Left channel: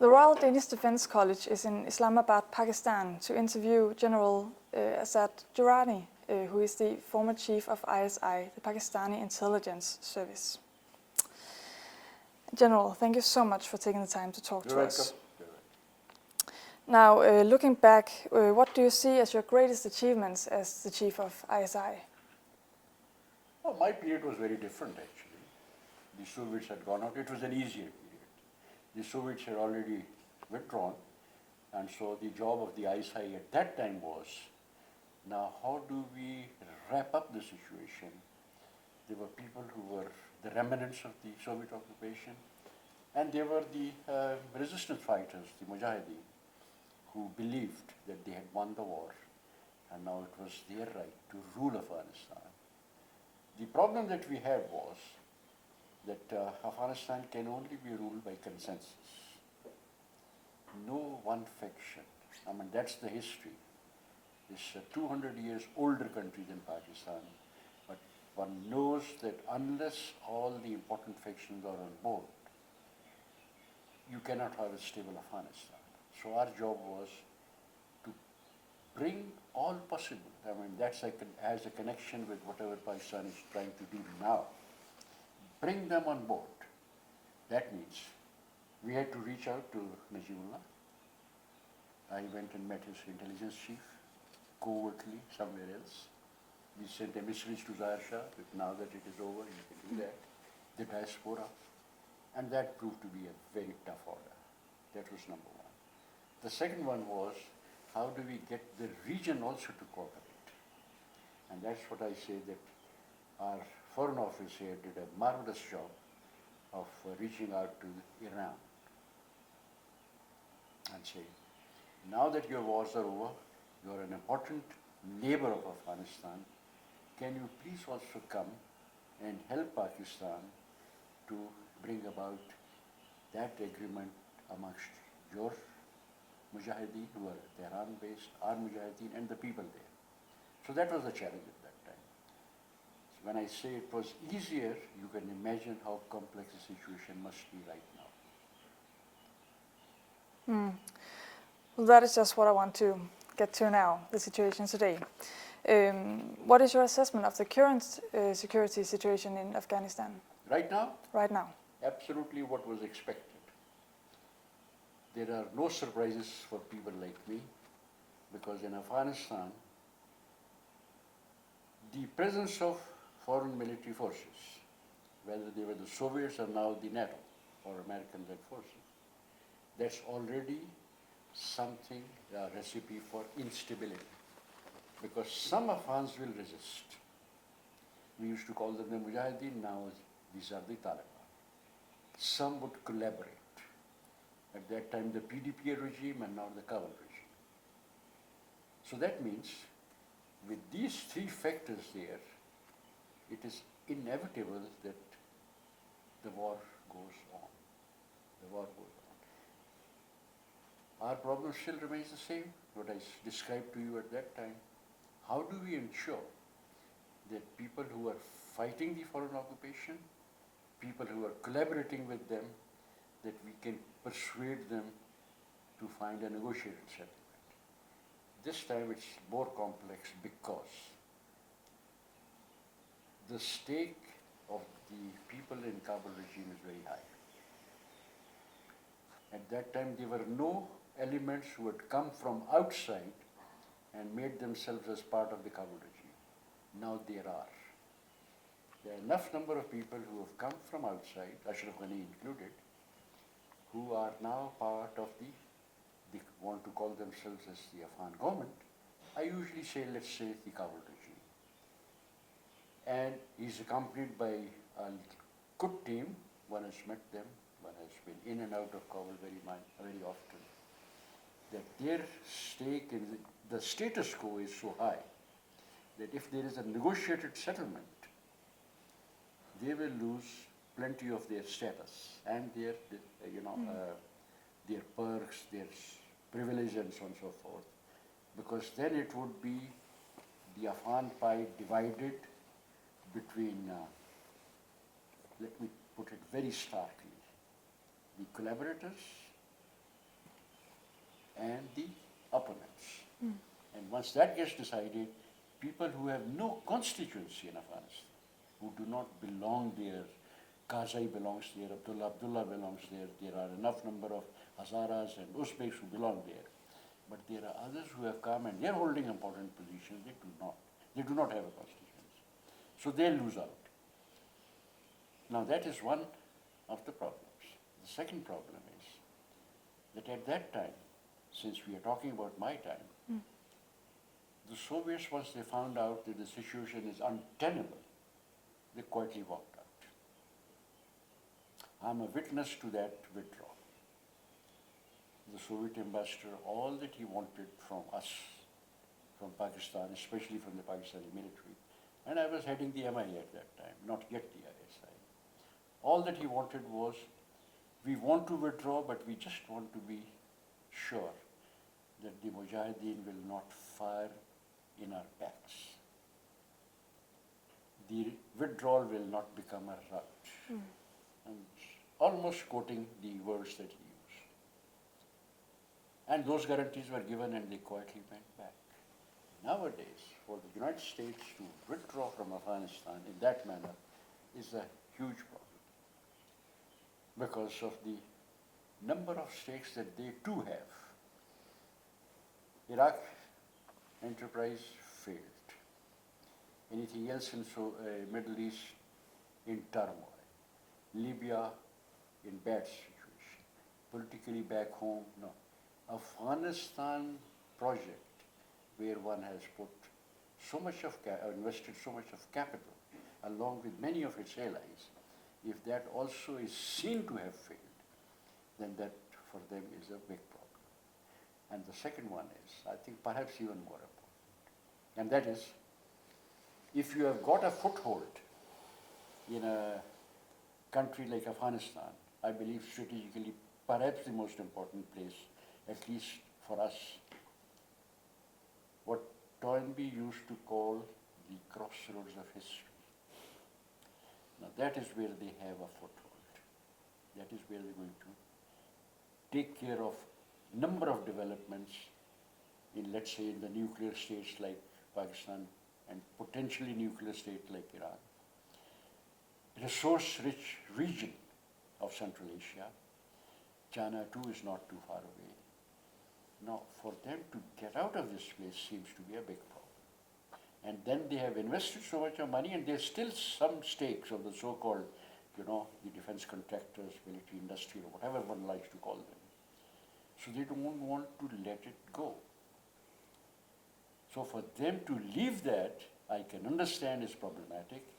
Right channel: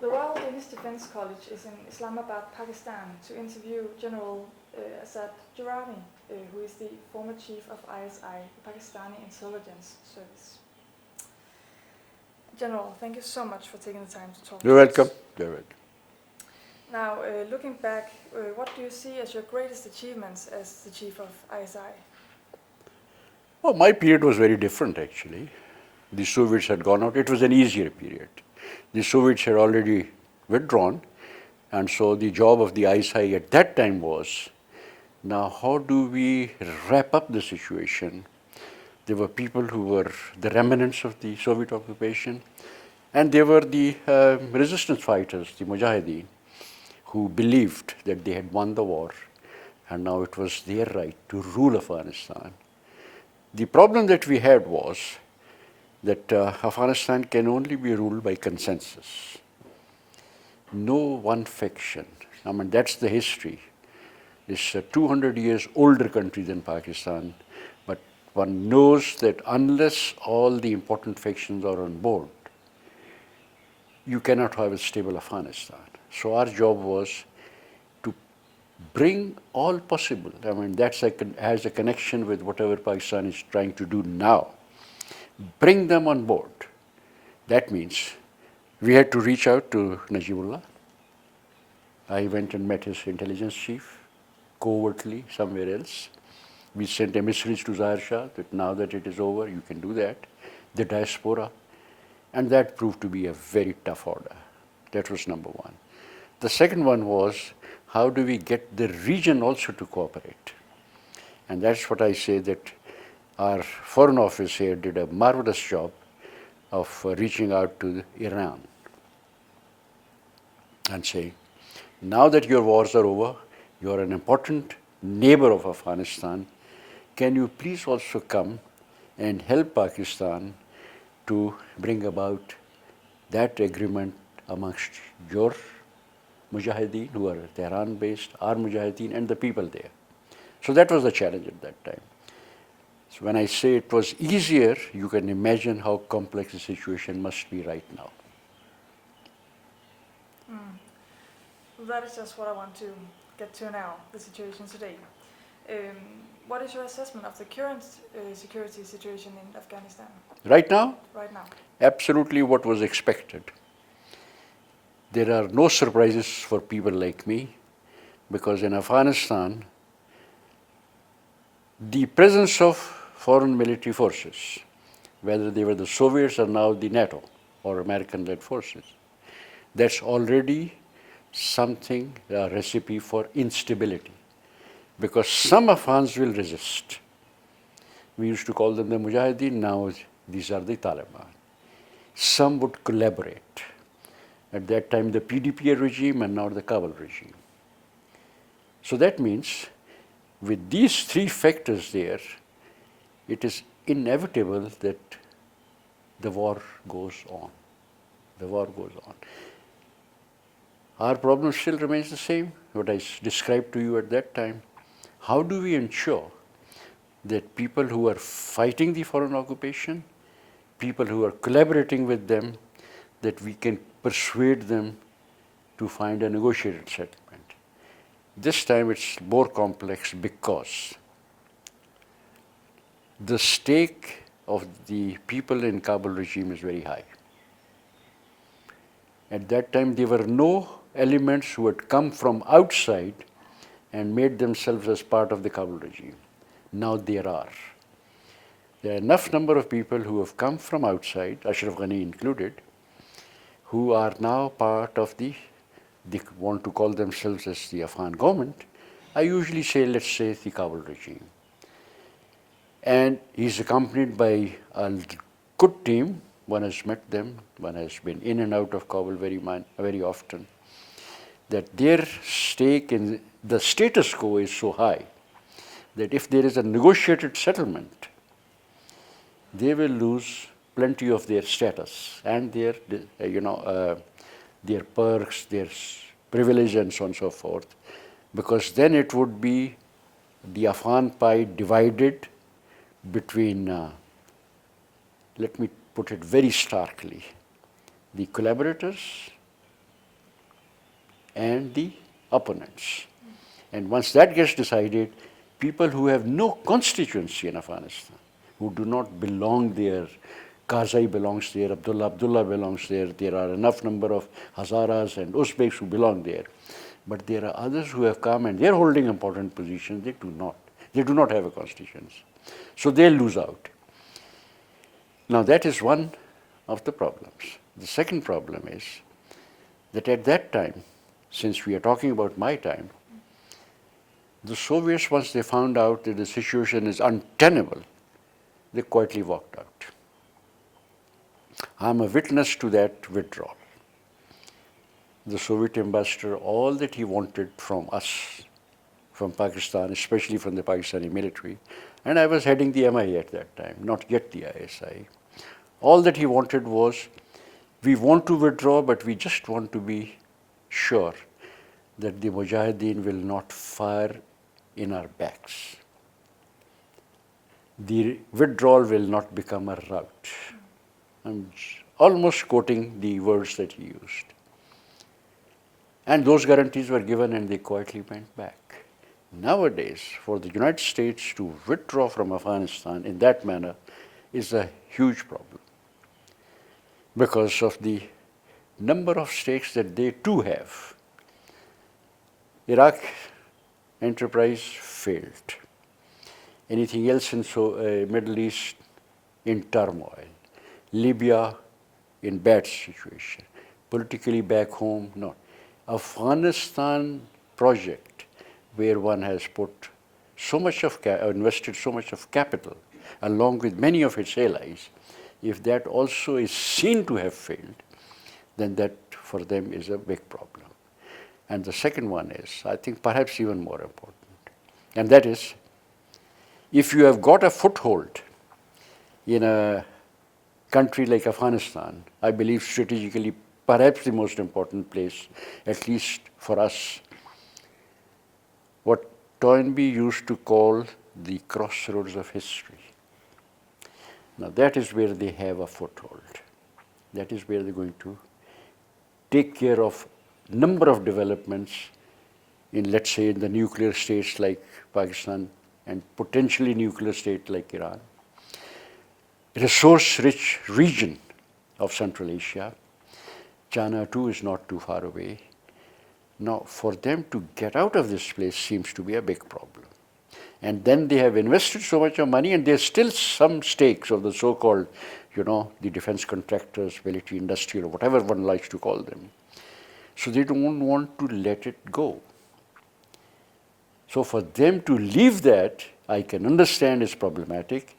The Royal Danish Defence College is in Islamabad, Pakistan, to interview General Asad Durrani, who is the former chief of ISI, the Pakistani intelligence service. General, thank you so much for taking the time to talk to us. You're welcome. You're welcome. Now, looking back, what do you see as your greatest achievements as the chief of ISI? Well, my period was very different, actually. The Soviets had gone out. It was an easier period. The Soviets had already withdrawn, and so the job of the ISI at that time was, now how do we wrap up the situation? There were people who were the remnants of the Soviet occupation, and there were the resistance fighters, the Mujahideen, who believed that they had won the war, and now it was their right to rule Afghanistan. The problem that we had was that Afghanistan can only be ruled by consensus. No one faction. I mean, that's the history. It's a 200 years older country than Pakistan, but one knows that unless all the important factions are on board, you cannot have a stable Afghanistan. So our job was to bring all possible. I mean, that's has a connection with whatever Pakistan is trying to do now. Bring them on board. That means we had to reach out to Najibullah. I went and met his intelligence chief, covertly somewhere else. We sent emissaries to Zahir Shah that now that it is over, you can do that. The diaspora. And that proved to be a very tough order. That was number one. The second one was, how do we get the region also to cooperate? And that's what I say that our foreign office here did a marvelous job of reaching out to Iran and saying, now that your wars are over, you are an important neighbor of Afghanistan, can you please also come and help Pakistan to bring about that agreement amongst your Mujahideen, who are Tehran-based, our Mujahideen, and the people there. So that was the challenge at that time. So when I say it was easier, you can imagine how complex the situation must be right now. Well, that is just what I want to get to now, the situation today. What is your assessment of the current security situation in Afghanistan? Right now? Right now. Absolutely what was expected. There are no surprises for people like me, because in Afghanistan, the presence of foreign military forces, whether they were the Soviets or now the NATO or American-led forces, that's already something, a recipe for instability, because some Afghans will resist. We used to call them the Mujahideen, now these are the Taliban. Some would collaborate. At that time, the PDP regime and now the Kabul regime. So that means with these three factors there, it is inevitable that the war goes on. The war goes on. Our problem still remains the same, what I described to you at that time. How do we ensure that people who are fighting the foreign occupation, people who are collaborating with them, that we can persuade them to find a negotiated settlement? This time it's more complex because the stake of the people in Kabul regime is very high. At that time, there were no elements who had come from outside and made themselves as part of the Kabul regime. Now there are. There are enough number of people who have come from outside, Ashraf Ghani included, who are now part of they want to call themselves as the Afghan government. I usually say, let's say, the Kabul regime. And he's accompanied by a good team. One has met them, one has been in and out of Kabul very often. That their stake in the status quo is so high that if there is a negotiated settlement, they will lose plenty of their status and their, their perks, their privilege, and so on and so forth, because then it would be the Afghan pie divided between, let me put it very starkly, the collaborators and the opponents. And once that gets decided, people who have no constituency in Afghanistan, who do not belong there, Karzai belongs there, Abdullah belongs there, there are enough number of Hazaras and Uzbeks who belong there. But there are others who have come and they're holding important positions, they do not. They do not have a constituency. So they'll lose out. Now that is one of the problems. The second problem is that at that time, since we are talking about my time, the Soviets, once they found out that the situation is untenable, they quietly walked out. I'm a witness to that withdrawal. The Soviet ambassador, all that he wanted from us, from Pakistan, especially from the Pakistani military, and I was heading the MI at that time, not yet the ISI. All that he wanted was, we want to withdraw, but we just want to be sure that the Mujahideen will not fire in our backs. The withdrawal will not become a rout. I'm almost quoting the words that he used. And those guarantees were given and they quietly went back. Nowadays, for the United States to withdraw from Afghanistan in that manner is a huge problem because of the number of stakes that they too have. Iraq enterprise failed. Anything else in Middle East in turmoil. Libya in bad situation. Politically back home, no. Afghanistan project where one has put so much of invested so much of capital along with many of its allies, if that also is seen to have failed, then that for them is a big problem. And the second one is, I think perhaps even more important, and that is, if you have got a foothold in a country like Afghanistan, I believe strategically perhaps the most important place, at least for us, what Toynbee used to call the crossroads of history. Now that is where they have a foothold. That is where they're going to take care of number of developments in, let's say, in the nuclear states like Pakistan and potentially nuclear state like Iran. Resource-rich region of Central Asia. China too is not too far away. Now, for them to get out of this place seems to be a big problem. And then they have invested so much of money and there's still some stakes of the so-called, the defense contractors, military industry, or whatever one likes to call them. So they don't want to let it go. So for them to leave that, I can understand is problematic,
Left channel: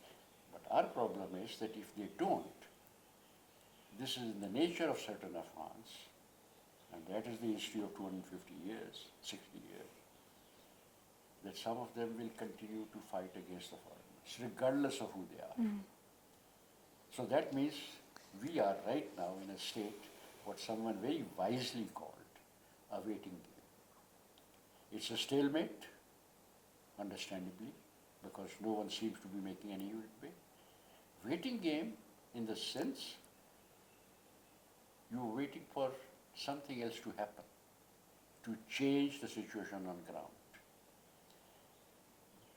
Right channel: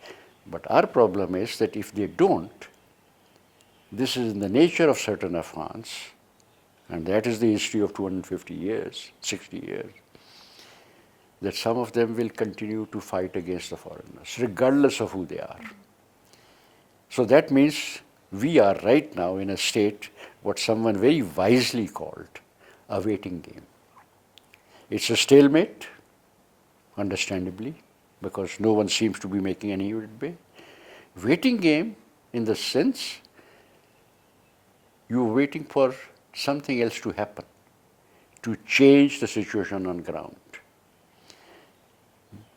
but our problem is that if they don't, this is in the nature of certain Afghans, and that is the history of 250 years, 60 years, that some of them will continue to fight against the foreigners, regardless of who they are. So that means we are right now in a state, what someone very wisely called a waiting game. It's a stalemate, understandably, because no one seems to be making any headway. Waiting game in the sense you're waiting for something else to happen, to change the situation on ground.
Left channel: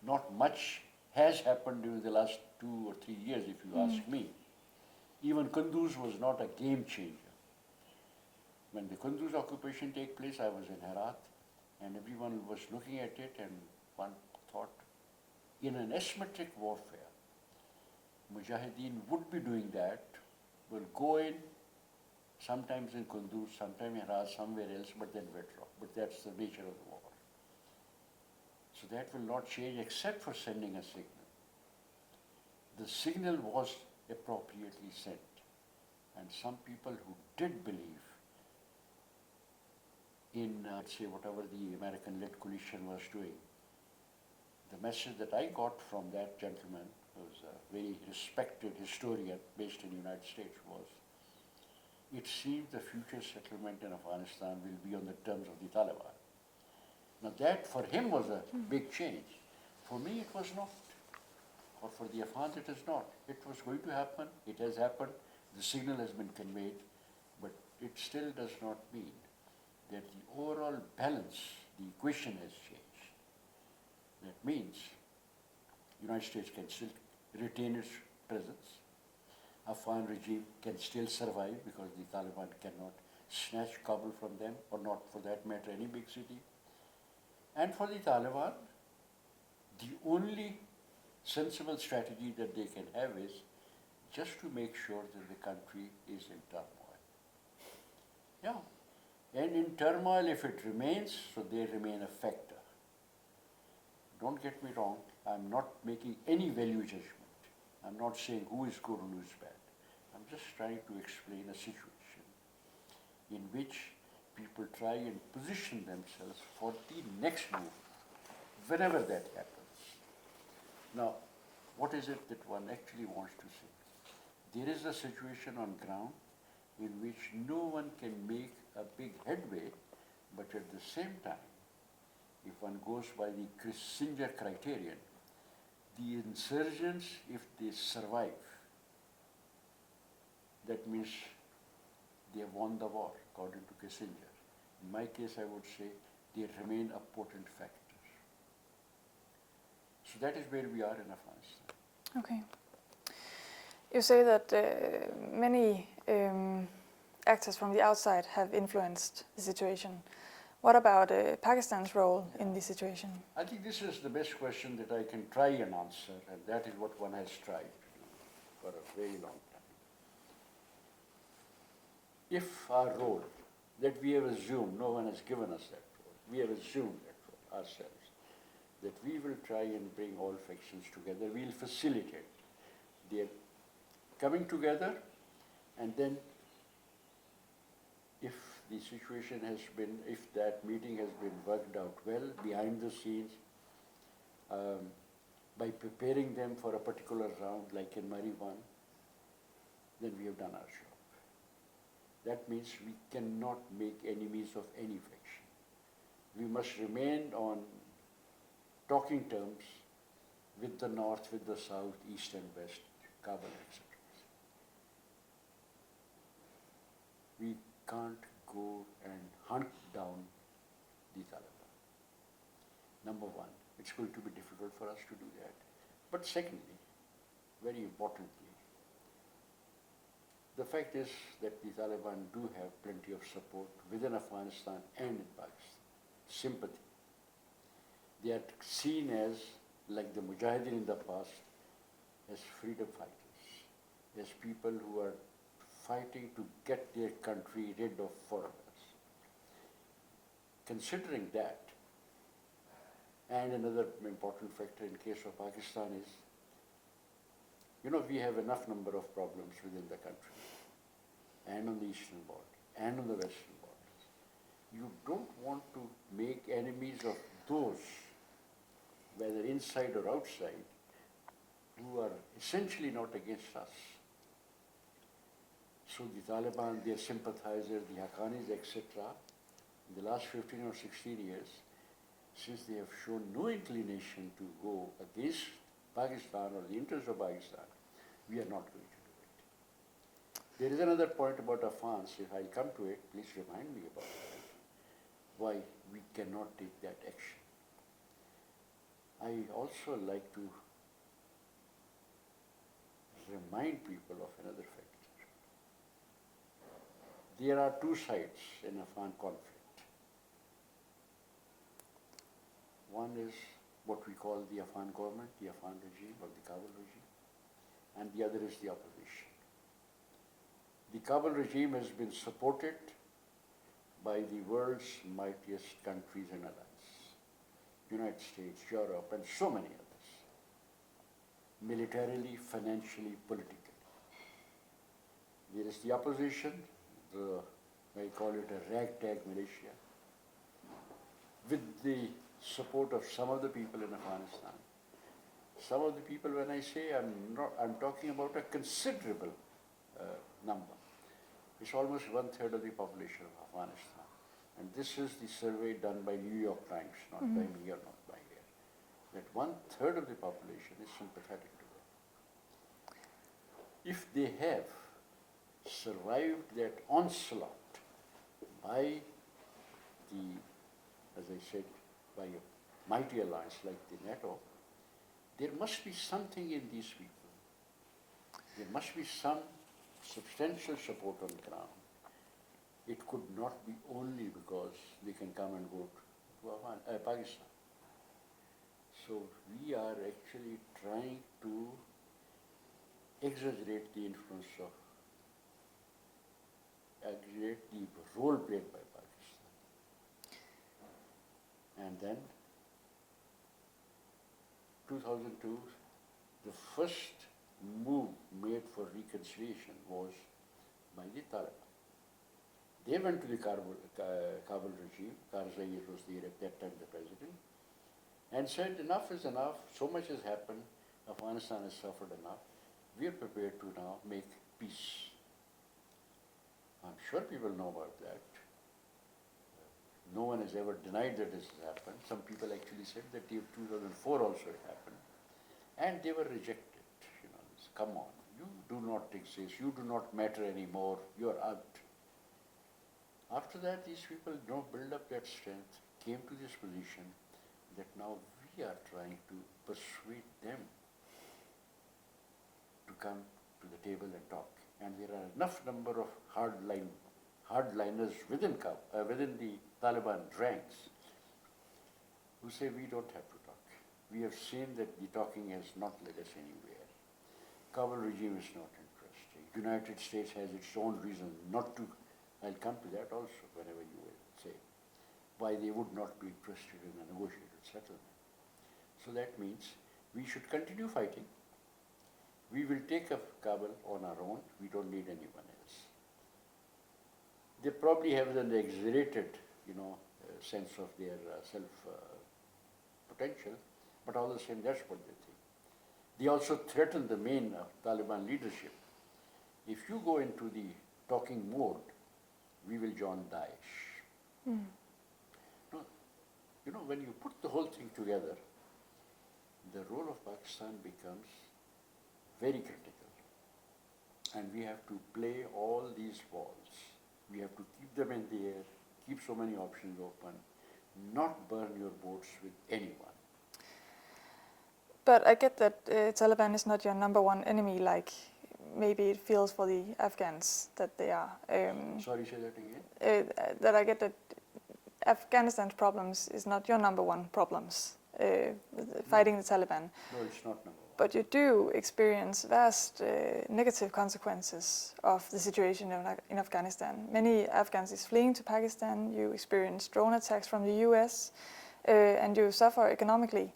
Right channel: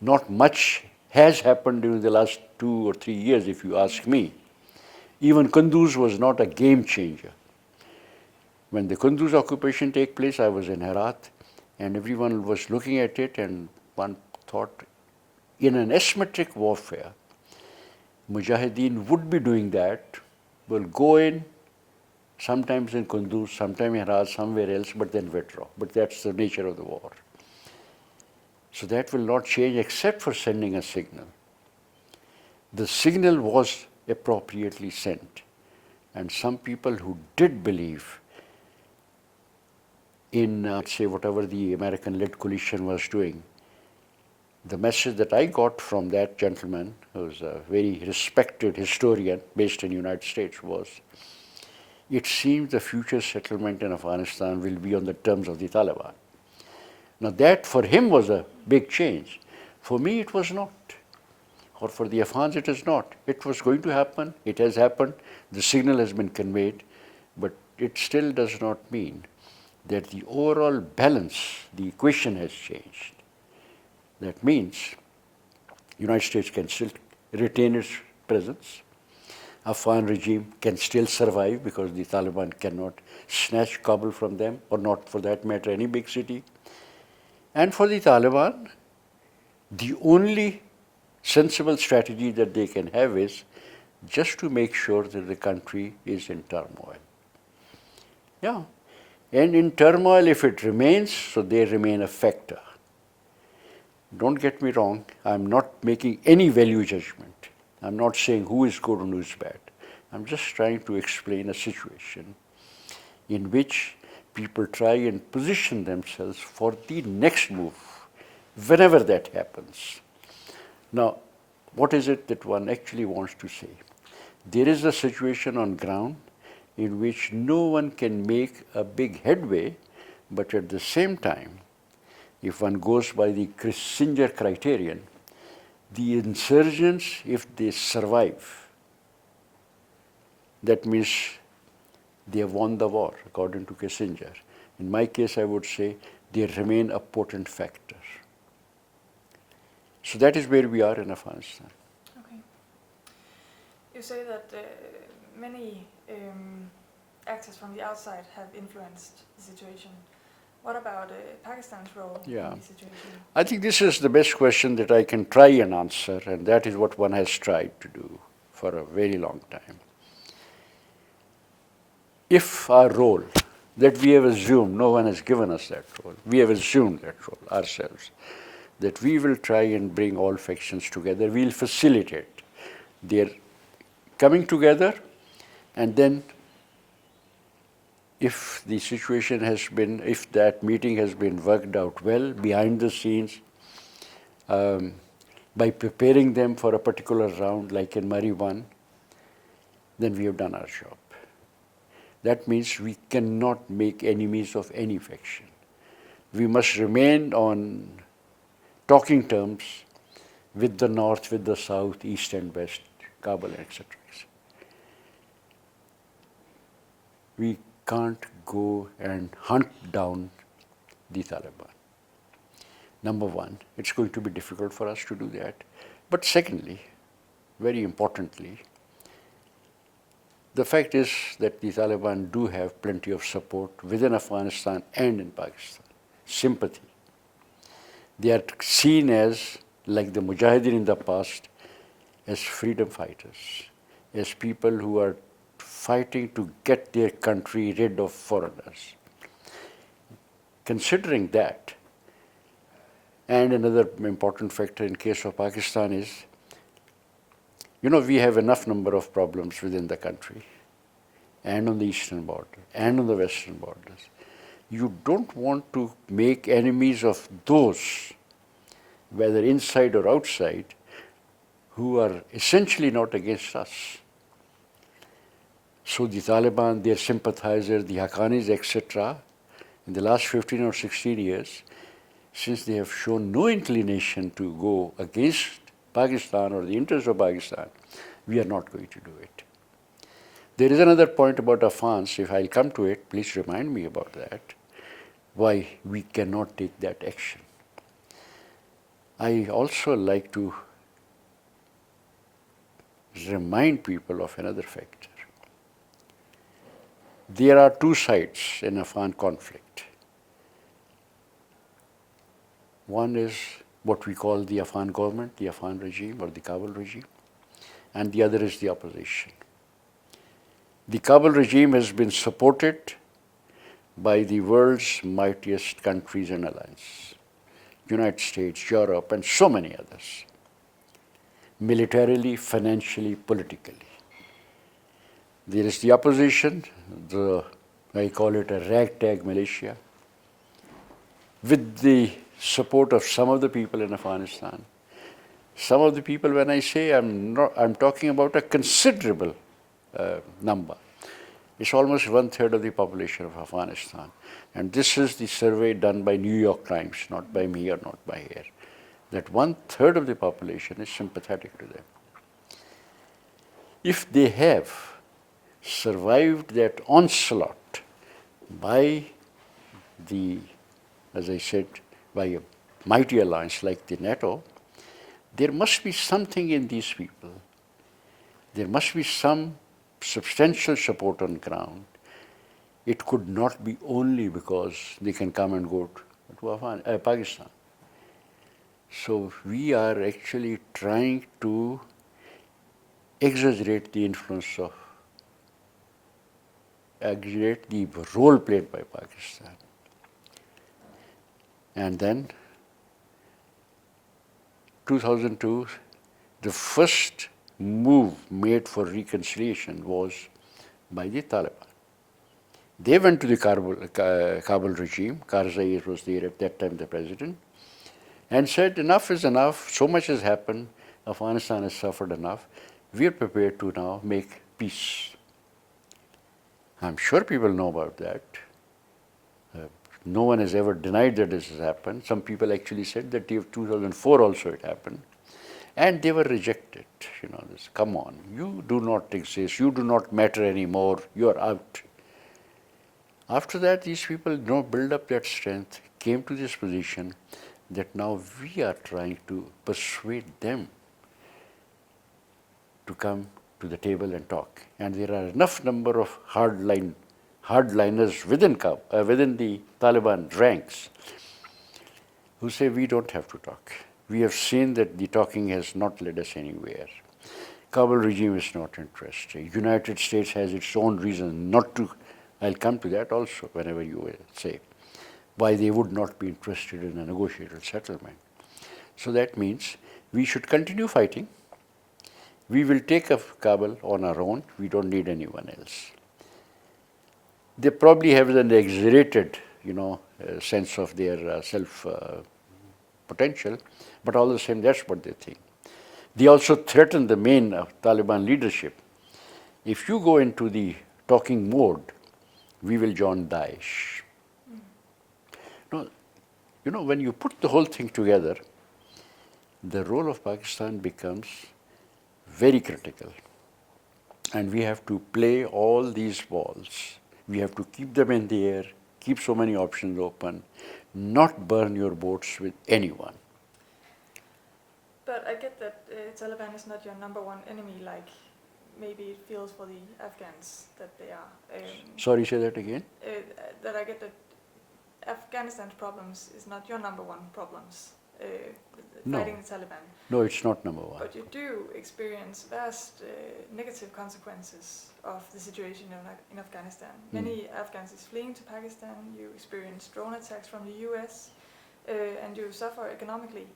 Not much has happened during the last 2 or 3 years, if you ask me. Even Kunduz was not a game changer. When the Kunduz occupation took place, I was in Herat, and everyone was looking at it, and one thought, in an asymmetric warfare, Mujahideen would be doing that, will go in, sometimes in Kunduz, sometimes in Herat, somewhere else, but then withdraw. But that's the nature of the war. So that will not change except for sending a signal. The signal was appropriately sent. And some people who did believe in, say, whatever the American-led coalition was doing, the message that I got from that gentleman, who was a very respected historian based in the United States, was, it seems the future settlement in Afghanistan will be on the terms of the Taliban. Now that for him was a big change. For me it was not. Or for the Afghans it is not. It was going to happen, it has happened, the signal has been conveyed, but it still does not mean that the overall balance, the equation has changed. That means United States can still retain its presence. Afghan regime can still survive because the Taliban cannot snatch Kabul from them, or not for that matter any big city. And for the Taliban, the only sensible strategy that they can have is just to make sure that the country is in turmoil. Yeah. And in turmoil, if it remains, so they remain a factor. Don't get me wrong, I'm not making any value judgment. I'm not saying who is good and who is bad. I'm just trying to explain a situation in which people try and position themselves for the next move, whenever that happens. Now, what is it that one actually wants to say? There is a situation on ground in which no one can make a big headway, but at the same time, if one goes by the Kissinger criterion, the insurgents, if they survive, that means they have won the war, according to Kissinger. In my case, I would say they remain a potent factor. So that is where we are in Afghanistan. Okay. You say that many actors from the outside have influenced the situation. What about Pakistan's role in this situation? I think this is the best question that I can try and answer, and that is what one has tried to do for a very long time. If our role that we have assumed, no one has given us that role, we have assumed that role ourselves, that we will try and bring all factions together, we'll facilitate their coming together, and then if the situation has been, if that meeting has been worked out well behind the scenes, by preparing them for a particular round, like in Mari 1, then we have done our job. That means we cannot make enemies of any faction. We must remain on talking terms with the north, with the south, east and west, Kabul, etc. We can't go and hunt down the Taliban. Number one, it's going to be difficult for us to do that. But secondly, very importantly, the fact is that the Taliban do have plenty of support within Afghanistan and in Pakistan, sympathy. They are seen as, like the Mujahideen in the past, as freedom fighters, as people who are fighting to get their country rid of foreigners. Considering that, and another important factor in case of Pakistan is, we have enough number of problems within the country, and on the eastern border, and on the western borders. You don't want to make enemies of those, whether inside or outside, who are essentially not against us. So the Taliban, their sympathizers, the Haqqanis, etc., in the last 15 or 16 years, since they have shown no inclination to go against Pakistan or the interests of Pakistan, we are not going to do it. There is another point about Afghans. If I'll come to it, please remind me about that, why we cannot take that action. I also like to remind people of another factor. There are two sides in Afghan conflict. One is what we call the Afghan government, the Afghan regime or the Kabul regime, and the other is the opposition. The Kabul regime has been supported by the world's mightiest countries and allies, United States, Europe, and so many others, militarily, financially, politically. There is the opposition, I call it a ragtag militia, with the support of some of the people in Afghanistan. Some of the people, when I say I'm talking about a considerable number. It's almost 1/3 of the population of Afghanistan. And this is the survey done by New York Times, not by me or not by here, that 1/3 of the population is sympathetic to them. If they have survived that onslaught by as I said, by a mighty alliance like the NATO, there must be something in these people. There must be some substantial support on ground. It could not be only because they can come and go to Pakistan. So we are actually trying to exaggerate the role played by Pakistan. And then 2002, the first move made for reconciliation was by the Taliban. They went to the Kabul regime, Karzai was there at that time the president, and said enough is enough, so much has happened, Afghanistan has suffered enough, we are prepared to now make peace. I'm sure people know about that. No one has ever denied that this has happened. Some people actually said that in 2004 also it happened. And they were rejected. Come on, you do not exist, you do not matter anymore, you are out. After that, these people build up that strength, came to this position that now we are trying to persuade them to come to the table and talk. And there are enough number of hardliners within the Taliban ranks who say we don't have to talk. We have seen that the talking has not led us anywhere. Kabul regime is not interested. United States has its own reason not to. I'll come to that also whenever you will say why they would not be interested in a negotiated settlement. So that means we should continue fighting. We will take up Kabul on our own. We don't need anyone else. They probably have an exaggerated, sense of their self potential, but all the same, that's what they think. They also threaten the main Taliban leadership. If you go into the talking mode, we will join Daesh. No, when you put the whole thing together, the role of Pakistan becomes very critical. And we have to play all these balls. We have to keep them in the air, keep so many options open, not burn your boats with anyone. But I get that Taliban is not your number one enemy, like maybe it feels for the Afghans that they are. Sorry, say that again? That I get that Afghanistan's problems is not your number one problems, fighting the Taliban. No, it's not number one. But you do experience vast negative consequences of the situation in Afghanistan. Many Afghans is fleeing to Pakistan, you experience drone attacks from the US, and you suffer economically.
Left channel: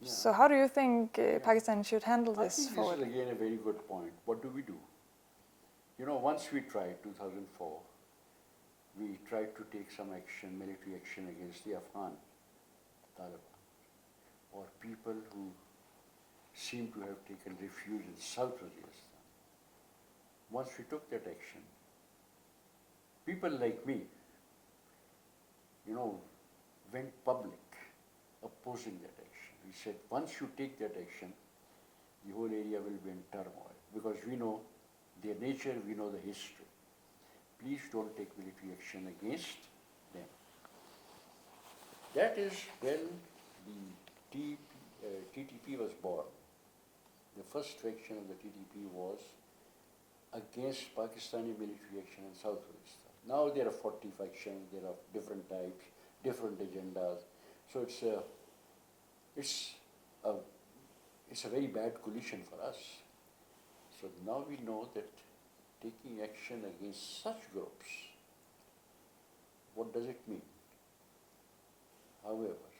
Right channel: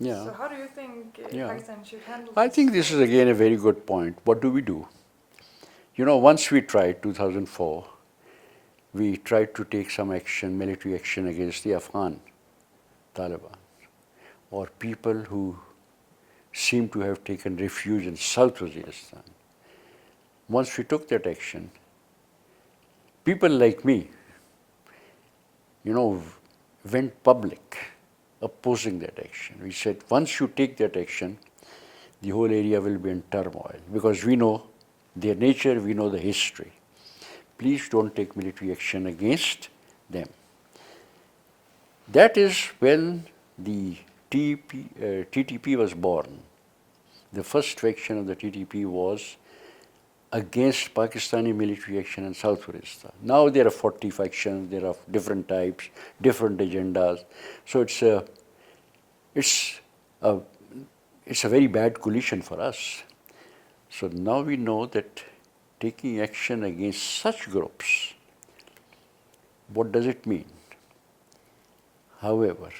So how do you think Pakistan should handle this? I think this is again a very good point. What do we do? Once we tried, 2004, we tried to take some action, military action against the Afghan Taliban, or people who seem to have taken refuge in South Waziristan. Once we took that action, people like me, went public opposing that action. We said, once you take that action, the whole area will be in turmoil because we know their nature, we know the history. Please don't take military action against them. That is when the TTP was born. The first faction of the TTP was against Pakistani military action in South Waziristan. Now there are 40 factions, there are different types, different agendas. So it's a very bad coalition for us. So now we know that taking action against such groups, what does it mean? However,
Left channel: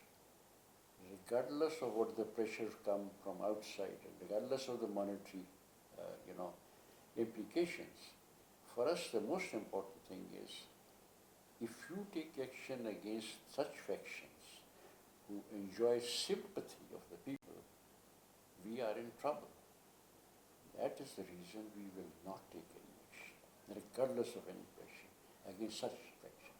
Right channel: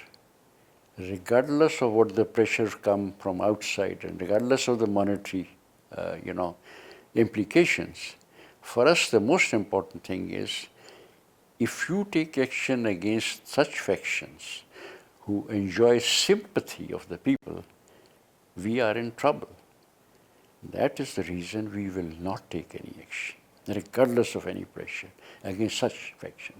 regardless of what the pressures come from outside and regardless of the monetary, implications, for us the most important thing is if you take action against such factions who enjoy sympathy of the people, we are in trouble. That is the reason we will not take any action, regardless of any pressure, against such factions.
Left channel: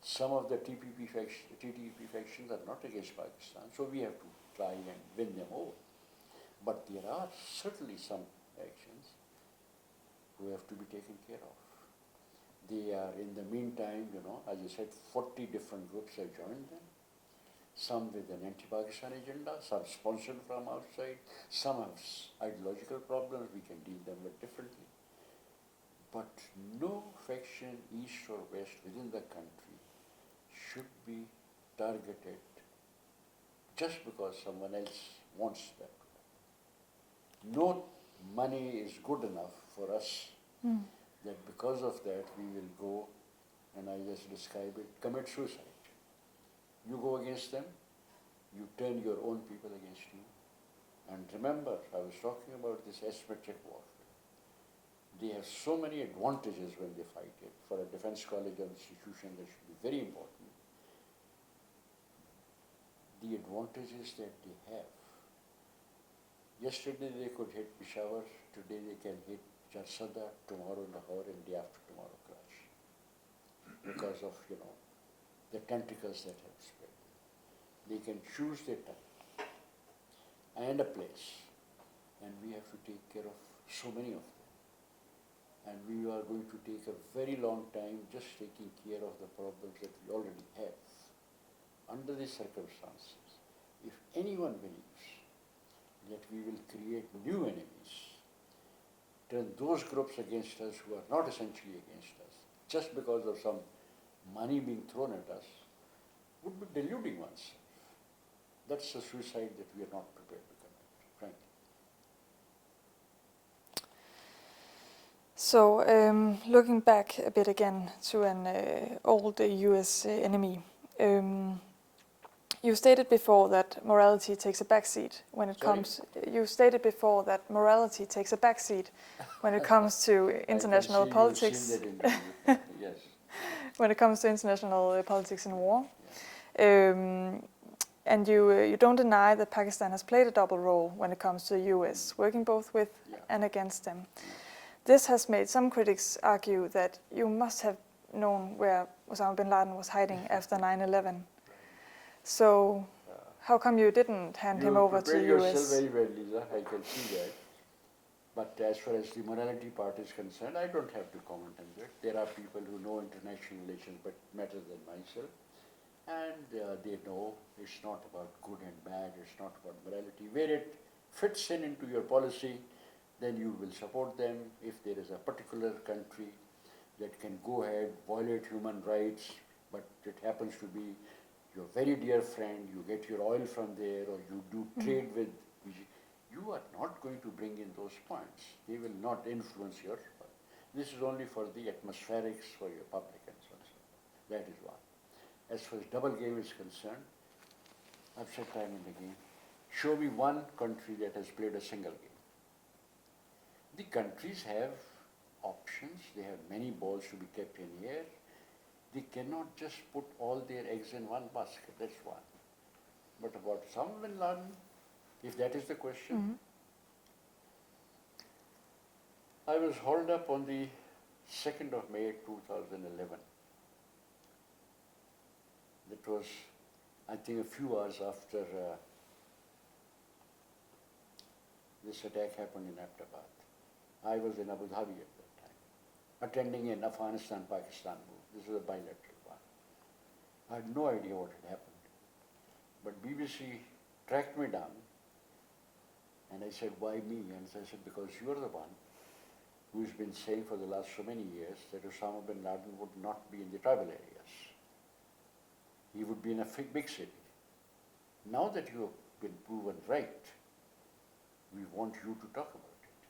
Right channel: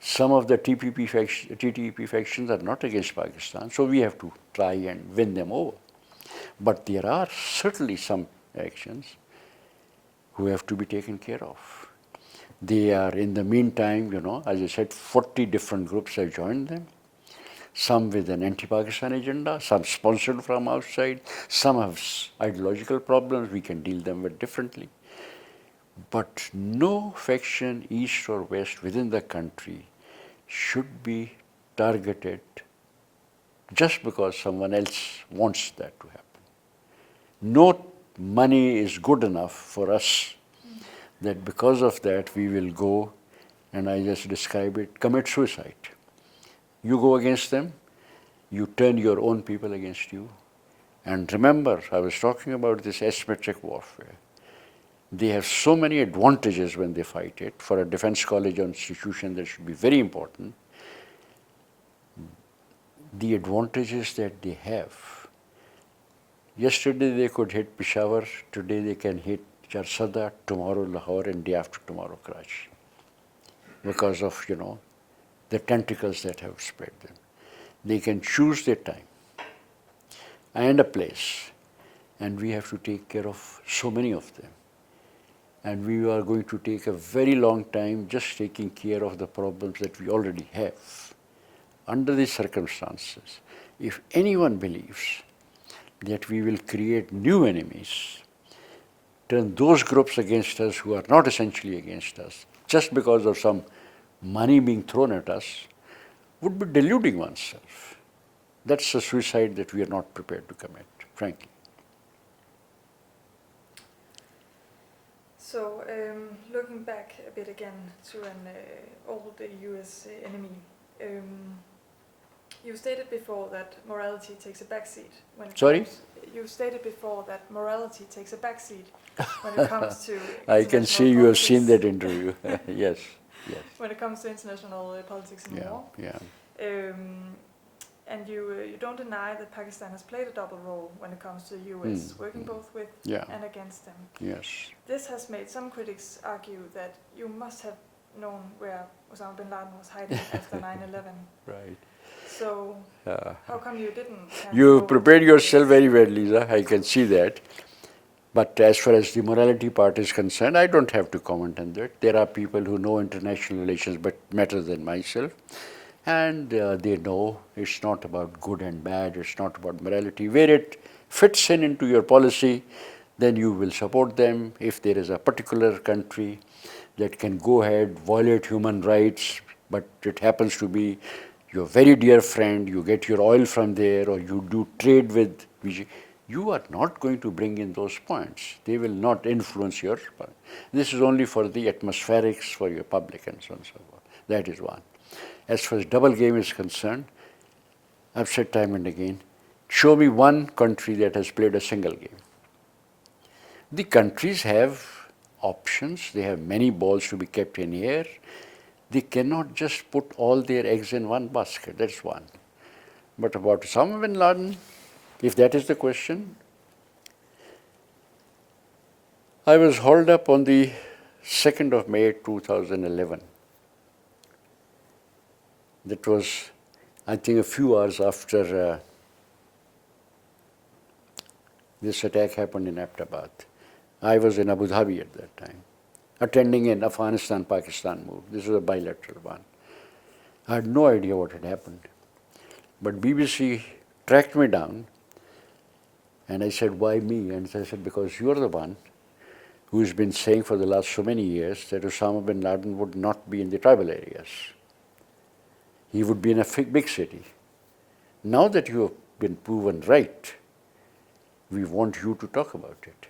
Some of the TTP factions are not against Pakistan, so we have to try and win them over. But there are certainly some actions who have to be taken care of. They are, in the meantime, as I said, 40 different groups have joined them. Some with an anti-Pakistan agenda, some sponsored from outside, some have ideological problems, we can deal them with differently. But no faction, east or west, within the country should be targeted just because someone else wants that to happen. No money is good enough for us that because of that we will go, and I just describe it, commit suicide. You go against them, you turn your own people against you. And remember, I was talking about this asymmetric warfare. They have so many advantages when they fight it. For a defense college or institution, that should be very important. The advantages that they have. Yesterday they could hit Peshawar, today they can hit Jarsada, tomorrow Lahore, and day after tomorrow Karachi. Because of, the tentacles that have spread them. They can choose their time and a place, and we have to take care of so many of them. And we are going to take a very long time just taking care of the problems that we already have. Under these circumstances, if anyone believes that we will create new enemies, turn those groups against us who are not essentially against us, just because of some money being thrown at us, would be deluding oneself. That's a suicide that we are not prepared to commit, frankly. So, looking back a bit again to an old US enemy, you stated before that morality takes a backseat when it comes. You stated before that morality takes a backseat when it comes to international I can see politics. you have seen that interview. Yes. When it comes to international politics and war. Yeah. And you don't deny that Pakistan has played a double role when it comes to the US, working both with and against them. Yes. This has made some critics argue that you must have known where Osama bin Laden was hiding after 9/11. Right. So how come you didn't hand him You over prepared to yourself US? very well, Lisa. I can see that. But as far as the morality part is concerned, I don't have to comment on that. There are people who know international relations but better than myself. And they know it's not about good and bad, it's not about morality. Where it fits in into your policy, then you will support them. If there is a particular country that can go ahead, violate human rights, but it happens to be your very dear friend, you get your oil from there, or you do trade with, you are not going to bring in those points. They will not influence your, this is only for the atmospherics, for your public and so on and so forth. That is one. As far as double game is concerned, I've said time and again, show me one country that has played a single game. The countries have options, they have many balls to be kept in air. They cannot just put all their eggs in one basket, that's one. But about Osama bin Laden, if that is the question, I was hauled up on the 2nd of May 2011. That was, I think, a few hours after this attack happened in Abbottabad. I was in Abu Dhabi at that time, attending an Afghanistan Pakistan move. This was a bilateral one. I had no idea what had happened. But BBC tracked me down, and I said, why me? And I said, because you're the one who's been saying for the last so many years that Osama bin Laden would not be in the tribal areas. He would be in a big city. Now that you have been proven right, we want you to talk about it.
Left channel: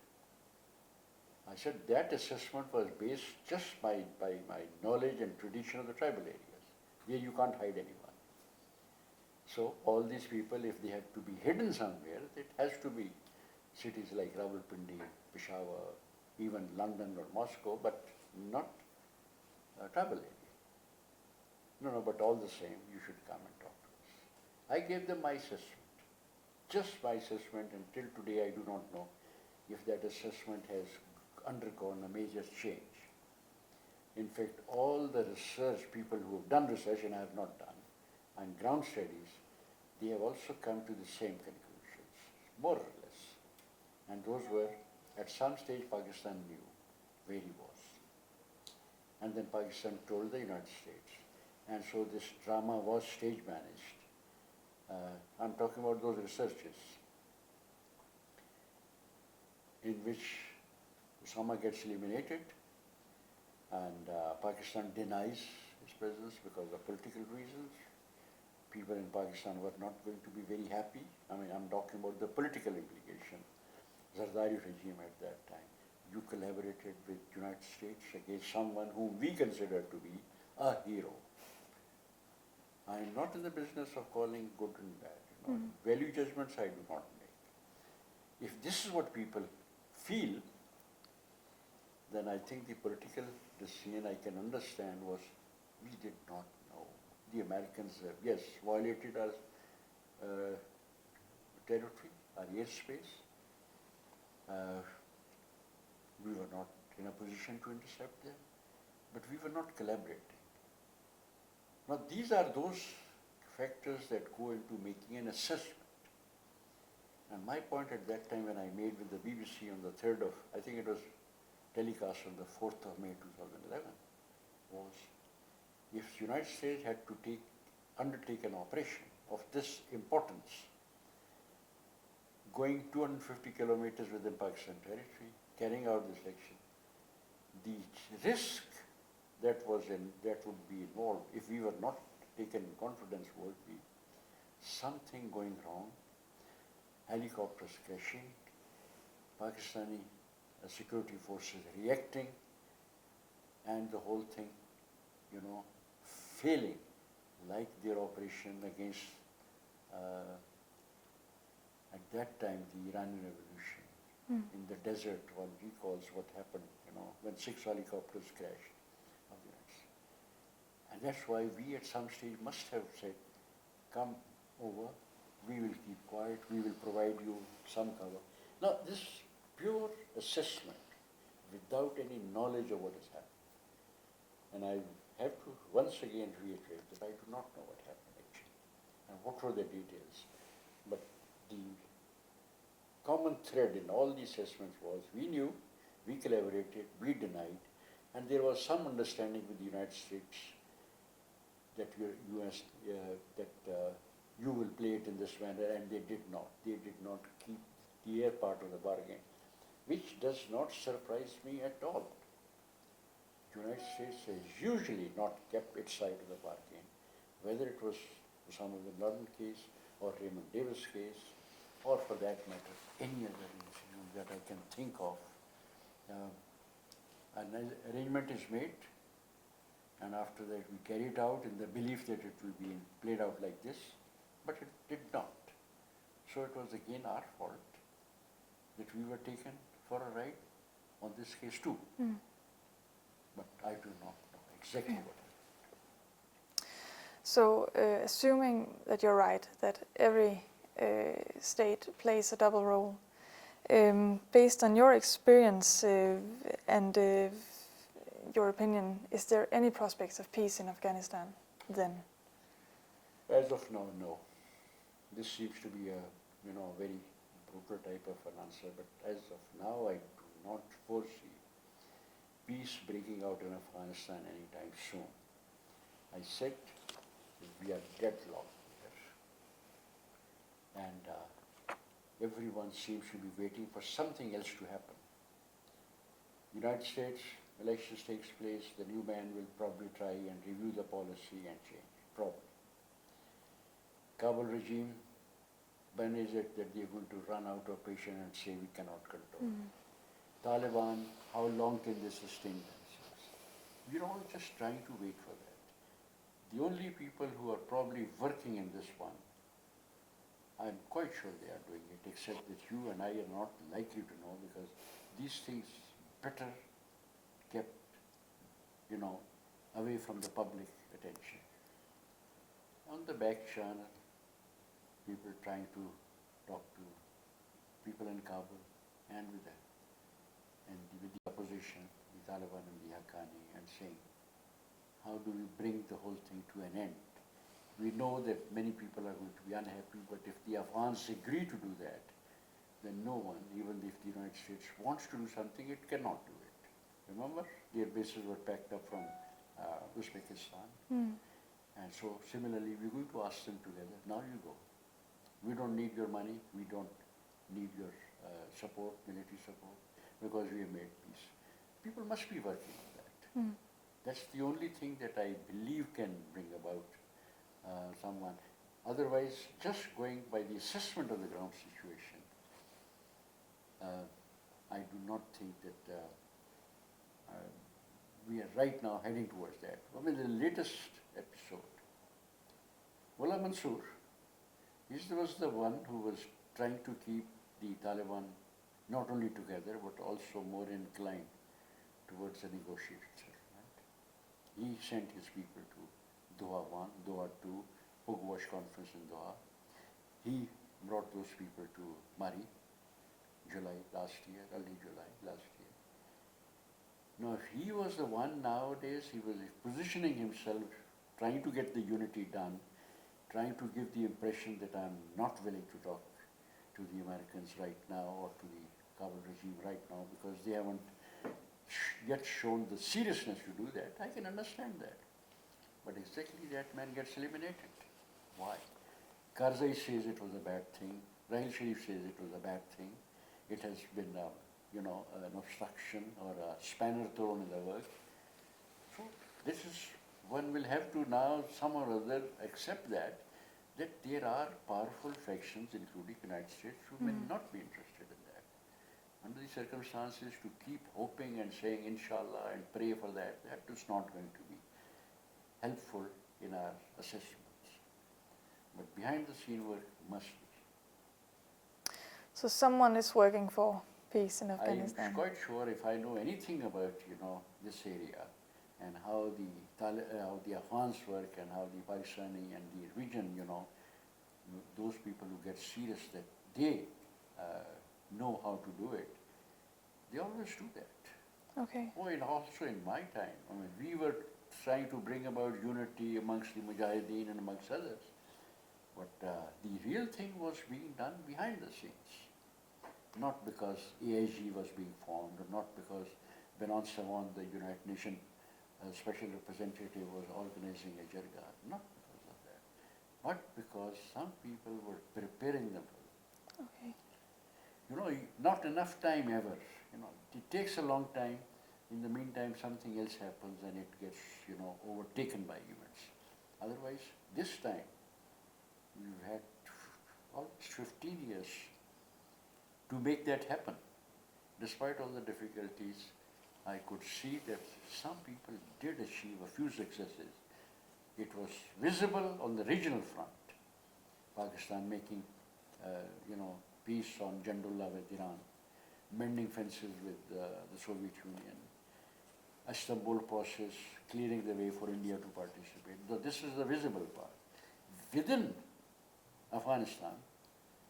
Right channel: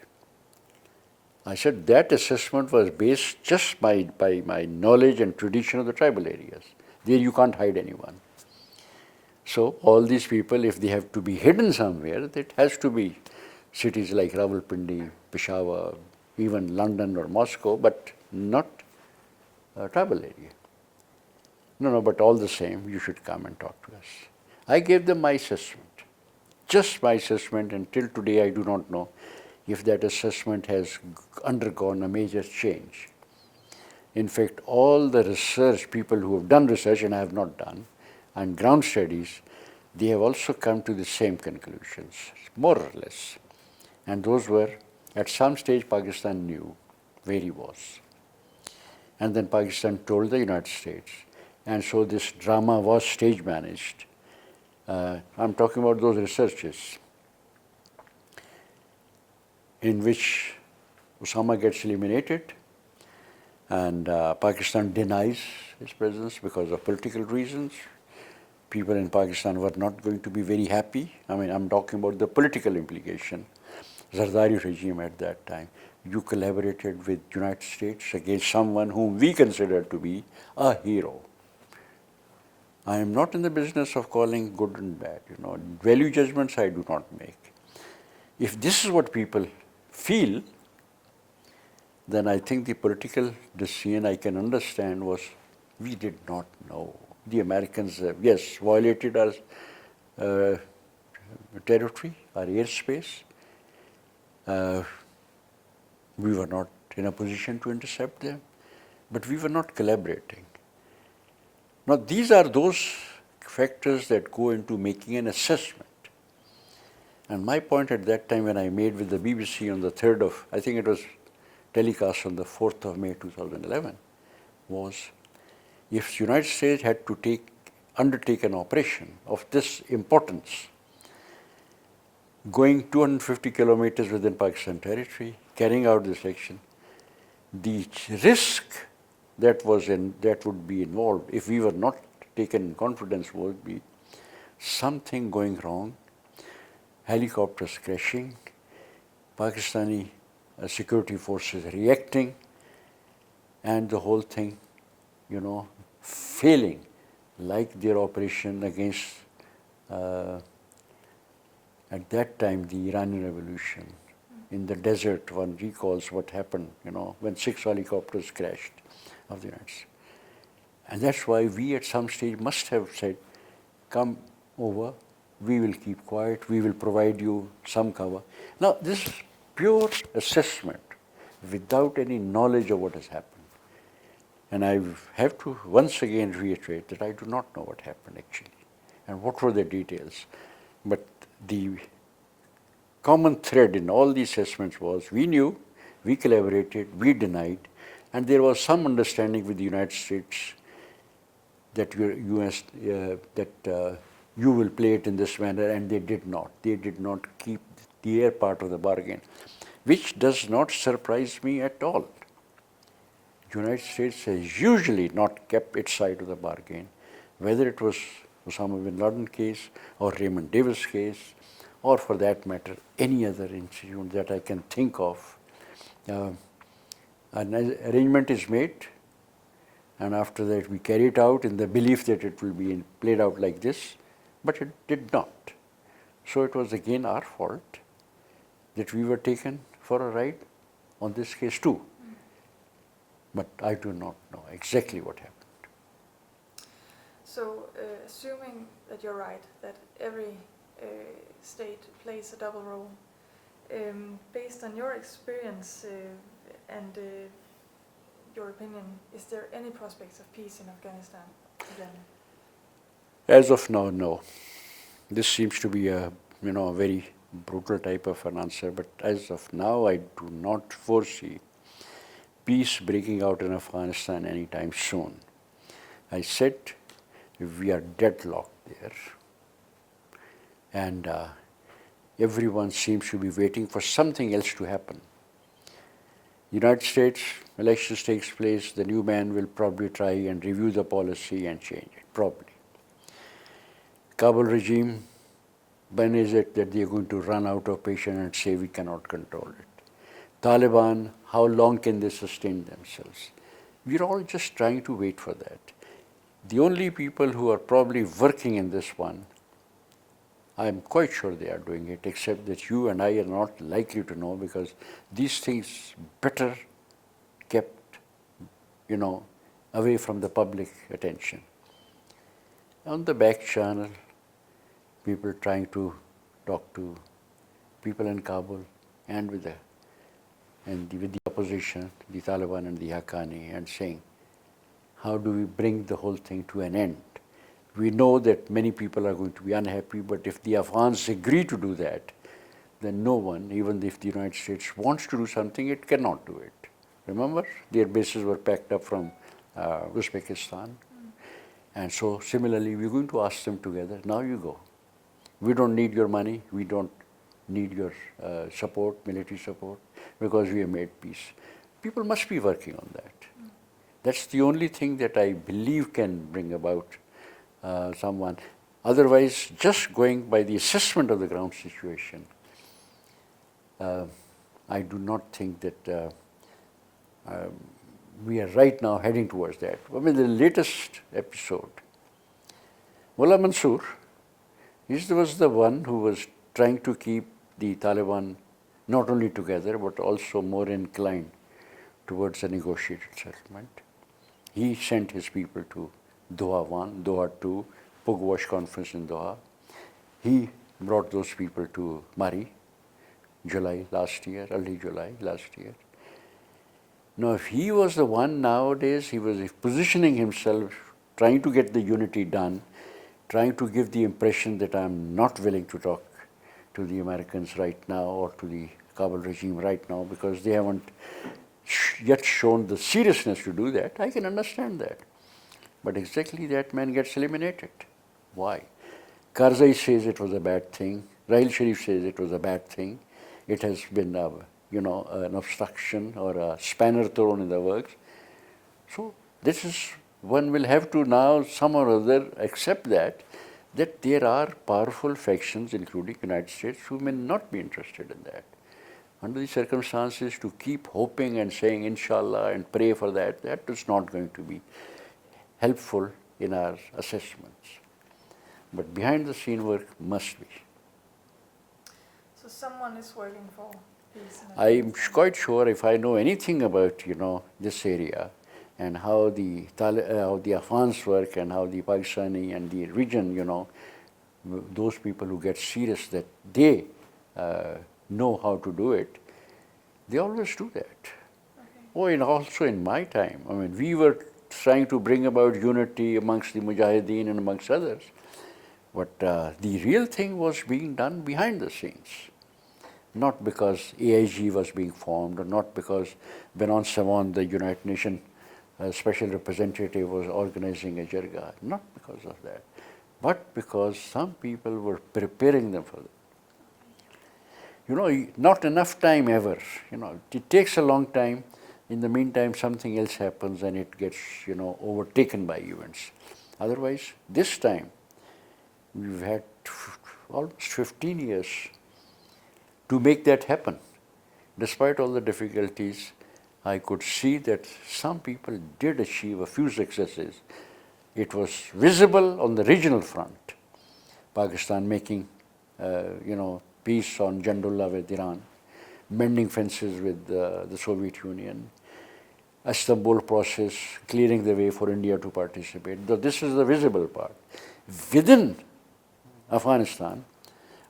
I said that assessment was based just by my knowledge and tradition of the tribal areas. There you can't hide anyone. So all these people, if they have to be hidden somewhere, it has to be cities like Rawalpindi, Peshawar, even London or Moscow, but not a tribal area. No, but all the same, you should come and talk to us. I gave them my assessment, just my assessment, and till today I do not know if that assessment has undergone a major change. In fact, all the research, people who have done research, and I have not done, and ground studies, they have also come to the same conclusions, more or less. And those were, at some stage, Pakistan knew where he was. and then Pakistan told the United States. And so this drama was stage managed. I'm talking about those researches in which Osama gets eliminated and Pakistan denies his presence because of political reasons. People in Pakistan were not going to be very happy. I mean, I'm talking about the political implication. Zardari regime at that time. You collaborated with United States against someone whom we consider to be a hero. I am not in the business of calling good and bad. Value judgments I do not make. If this is what people feel, then I think the political decision I can understand was we did not know. The Americans, yes, violated our territory, our airspace. We were not in a position to intercept them, but we were not collaborating. Now, these are those factors that go into making an assessment. And my point at that time when I made with the BBC on the 3rd of, I think it was telecast on the 4th of May 2011, was if the United States had to undertake an operation of this importance, going 250 kilometers within Pakistan territory, carrying out this action, the risk that would be involved if we were not taken in confidence would be something going wrong, helicopters crashing, Pakistani security forces reacting, and the whole thing, failing, like their operation against, at that time, the Iranian Revolution. In the desert, one recalls what happened, when 6 helicopters crashed of the United States. And that's why we at some stage must have said, come over, we will keep quiet, we will provide you some cover. Now, this is pure assessment without any knowledge of what has happened. And I have to once again reiterate that I do not know what happened actually and what were the details. But the common thread in all the assessments was we knew, we collaborated, we denied, and there was some understanding with the United States that you will play it in this manner, and they did not. They did not keep their part of the bargain, which does not surprise me at all. The United States has usually not kept its side of the bargain, whether it was Osama bin Laden case or Raymond Davis case, or for that matter, any other incident that I can think of. An arrangement is made, and after that we carry it out in the belief that it will be played out like this, but it did not. So it was again our fault that we were taken for a ride on this case too. But I do not know exactly what happened. So, assuming that you're right, that every state plays a double role, based on your experience and your opinion, is there any prospects of peace in Afghanistan then? As of now, no. This seems to be a very brutal type of an answer, but as of now, I do not foresee peace breaking out in Afghanistan anytime soon. I said we are deadlocked there, and everyone seems to be waiting for something else to happen. United States, elections takes place, the new man will probably try and review the policy and change it, probably. Kabul regime, when is it that they are going to run out of patience and say we cannot control it? Taliban, how long can they sustain themselves? We're all just trying to wait for that. The only people who are probably working in this one, I'm quite sure they are doing it, except that you and I are not likely to know because these things better kept, away from the public attention. On the back channel, people trying to talk to people in Kabul and with the opposition, the Taliban and the Haqqani, and saying, how do we bring the whole thing to an end? We know that many people are going to be unhappy, but if the Afghans agree to do that, then no one, even if the United States wants to do something, it cannot do it. remember? Their bases were packed up from Uzbekistan. And so similarly, we're going to ask them together, now you go. We don't need your money, we don't need your support, military support, because we have made peace. People must be working on that. That's the only thing that I believe can bring about someone. Otherwise, just going by the assessment of the ground situation, I do not think that we are right now heading towards that. I mean, the latest episode, Mullah Mansoor, he was the one who was trying to keep the Taliban not only together but also more inclined towards a negotiated settlement. He sent his people to Doha 1, Doha 2, Pugwash conference in Doha. He brought those people to Mari, July last year, early July last year. Now, if he was the one nowadays, he was positioning himself, trying to get the unity done, trying to give the impression that I'm not willing to talk to the Americans right now or to the Kabul regime right now because they haven't yet shown the seriousness to do that. I can understand that. But exactly that man gets eliminated. Why? Karzai says it was a bad thing. Rahil Sharif says it was a bad thing. It has been, an obstruction or a spanner thrown in the works. So this is, one will have to now some or other accept that there are powerful factions, including United States, who may not be interested in that. Under the circumstances, to keep hoping and saying inshallah and pray for that, that is not going to be helpful in our assessments. But behind the scene work must be. So someone is working for peace in Afghanistan. I'm quite sure if I know anything about, this area and how the Afghans work and how the Pakistani and the region, those people who get serious that they know how to do it, they always do that. Okay. Oh, and also in my time, I mean, we were trying to bring about unity amongst the Mujahideen and amongst others. But the real thing was being done behind the scenes. Not because AIG was being formed or not because Benon Savon, the United Nations Special Representative, was organizing a jirga. Not because of that. But because some people were preparing them for that. Okay. Not enough time ever. It takes a long time. In the meantime, something else happens and it gets, overtaken by events. Otherwise, this time, we've had almost 15 years to make that happen. Despite all the difficulties, I could see that some people did achieve a few successes. It was visible on the regional front. Pakistan making, peace on Jandullah with Iran, mending fences with the Soviet Union, Istanbul process, clearing the way for India to participate. This is the visible part. Within Afghanistan,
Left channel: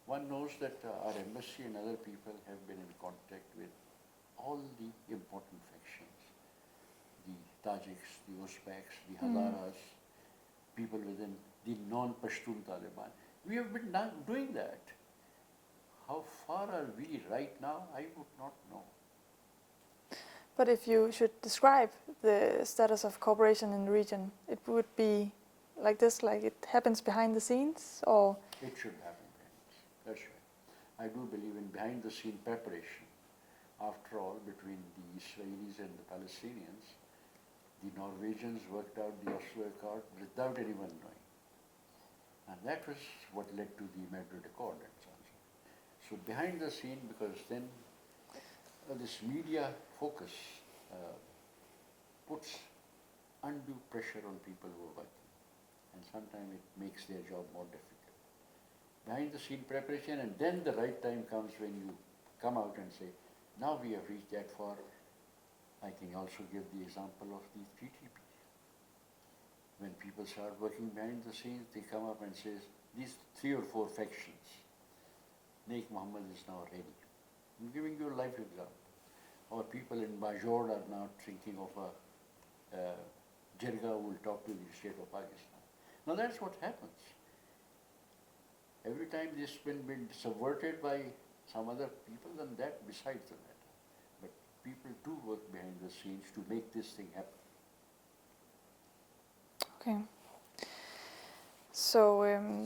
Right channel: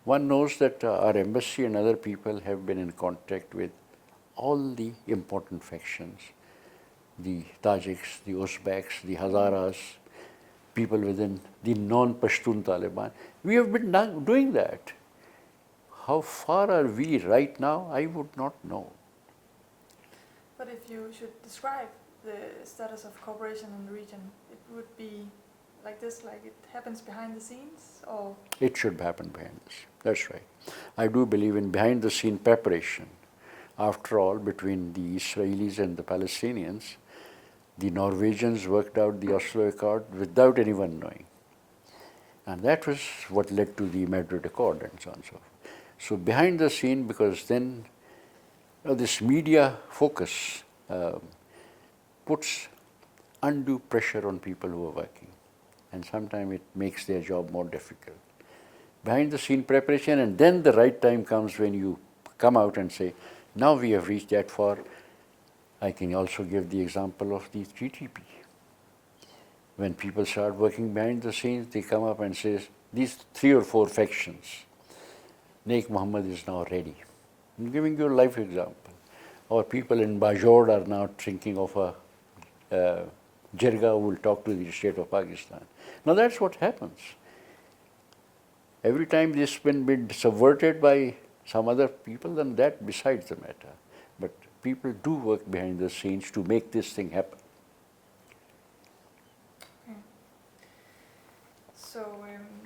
one knows that our embassy and other people have been in contact with all the important factions, the Tajiks, the Uzbeks, the Hazaras, people within the non-Pashtun Taliban. We have been doing that. How far are we right now? I would not know. But if you should describe the status of cooperation in the region, it would be like this, like it happens behind the scenes, or? It should happen behind the scenes. That's right. I do believe in behind the scene preparation. After all, between the Israelis and the Palestinians, the Norwegians worked out the Oslo Accord without anyone knowing. And that was what led to the Madrid Accord and so on and so forth. So behind the scene, because then this media focus puts undue pressure on people who are working. And sometimes it makes their job more difficult. Behind the scene preparation, and then the right time comes when you come out and say, now we have reached that far. I can also give the example of the TTP. When people start working behind the scenes, they come up and say, these 3 or 4 factions, Naik Muhammad is now ready. I'm giving you a life example. Or people in Bajor are now thinking of a jirga who will talk to the state of Pakistan. Now that's what happens. Every time this has been subverted by some other people, then that besides the matter. But people do work behind the scenes to make this thing happen. Okay. So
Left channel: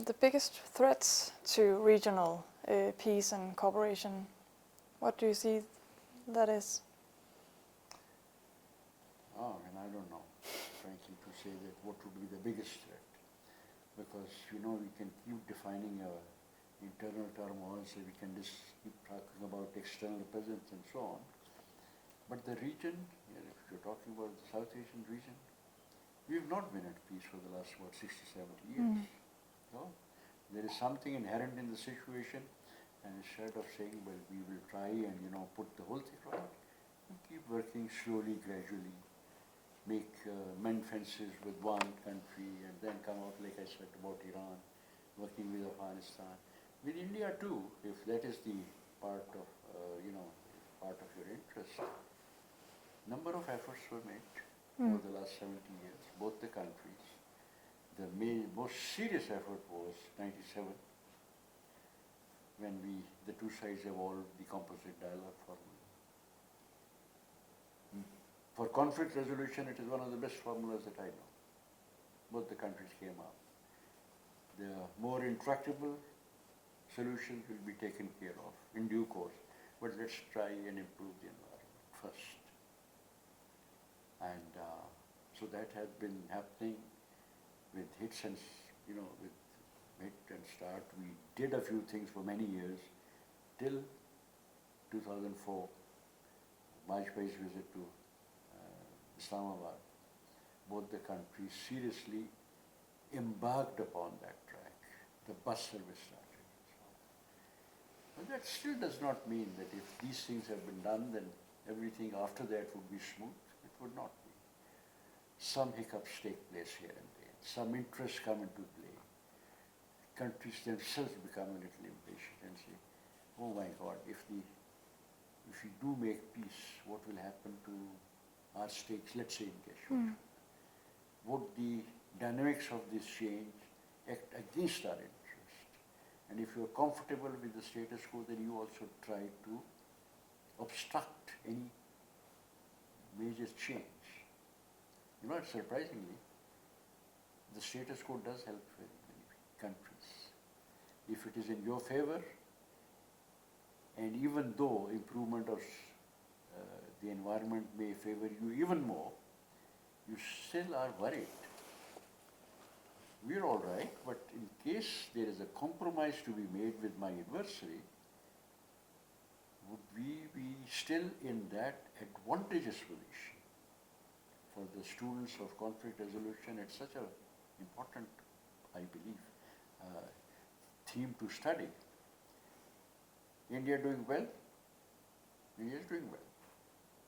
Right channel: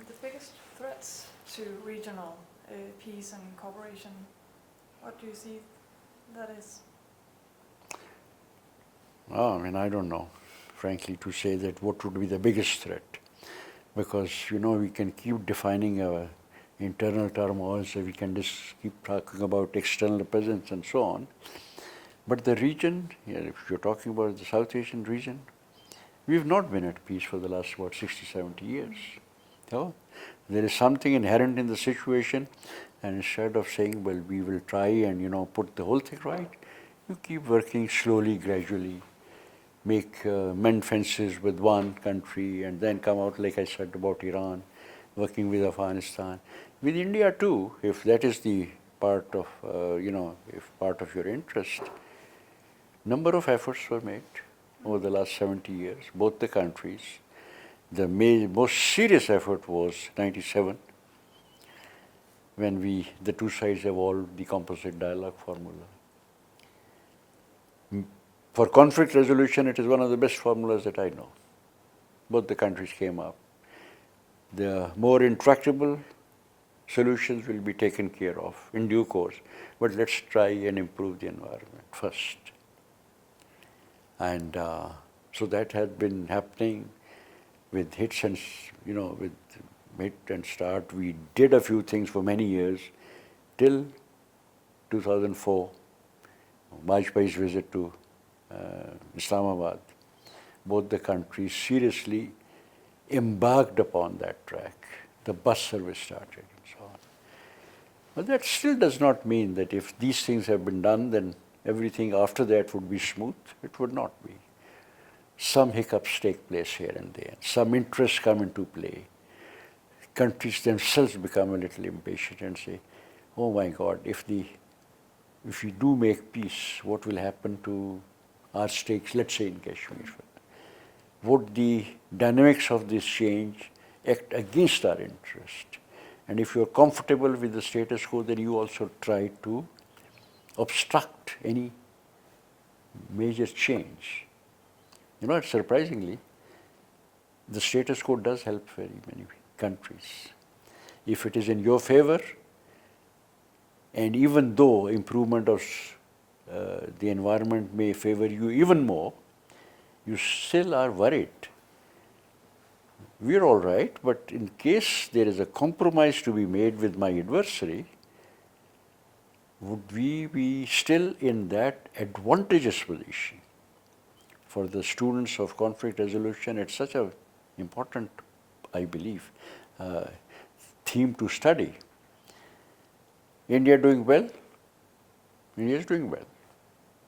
the biggest threats to regional peace and cooperation, what do you see that is? Oh, I mean, I don't know, frankly, to say that what would be the biggest threat. Because, we can keep defining our internal turmoils, we can just keep talking about external presence and so on. But the region, if you're talking about the South Asian region, we've not been at peace for the last, 60, 70 years. There is something inherent in the situation, and instead of saying, well, we will try and, put the whole thing right, you keep working slowly, gradually, mend fences with one country, and then come out, like I said, about Iran, working with Afghanistan. With India too, if that is the part of, if part of your interest, number of efforts were made over the last 70 years, both the countries. The most serious effort was 97, when the two sides evolved the composite dialogue formula. For conflict resolution, it is one of the best formulas that I know. Both the countries came up. The more intractable solutions will be taken care of in due course, but let's try and improve the environment first. And so that has been happening with hits and, with hit and start. We did a few things for many years till 2004, Vajpayee's visit to Islamabad. Both the countries seriously embarked upon that track. The bus service started and so on. But that still does not mean that if these things have been done, then everything after that would be smooth. It would not be. Some hiccups take place here and there. Some interests come into play. Countries themselves become a little impatient and say, oh my God, if we do make peace, what will happen to our stakes, let's say in Kashmir? Would the dynamics of this change act against our interest? And if you're comfortable with the status quo, then you also try to obstruct any major change. Surprisingly, the status quo does help very many countries. If it is in your favor, and even though improvement of the environment may favor you even more, you still are worried. We're all right, but in case there is a compromise to be made with my adversary, would we be still in that advantageous position? For the students of conflict resolution, it's such an important, I believe, theme to study. India doing well? India is doing well.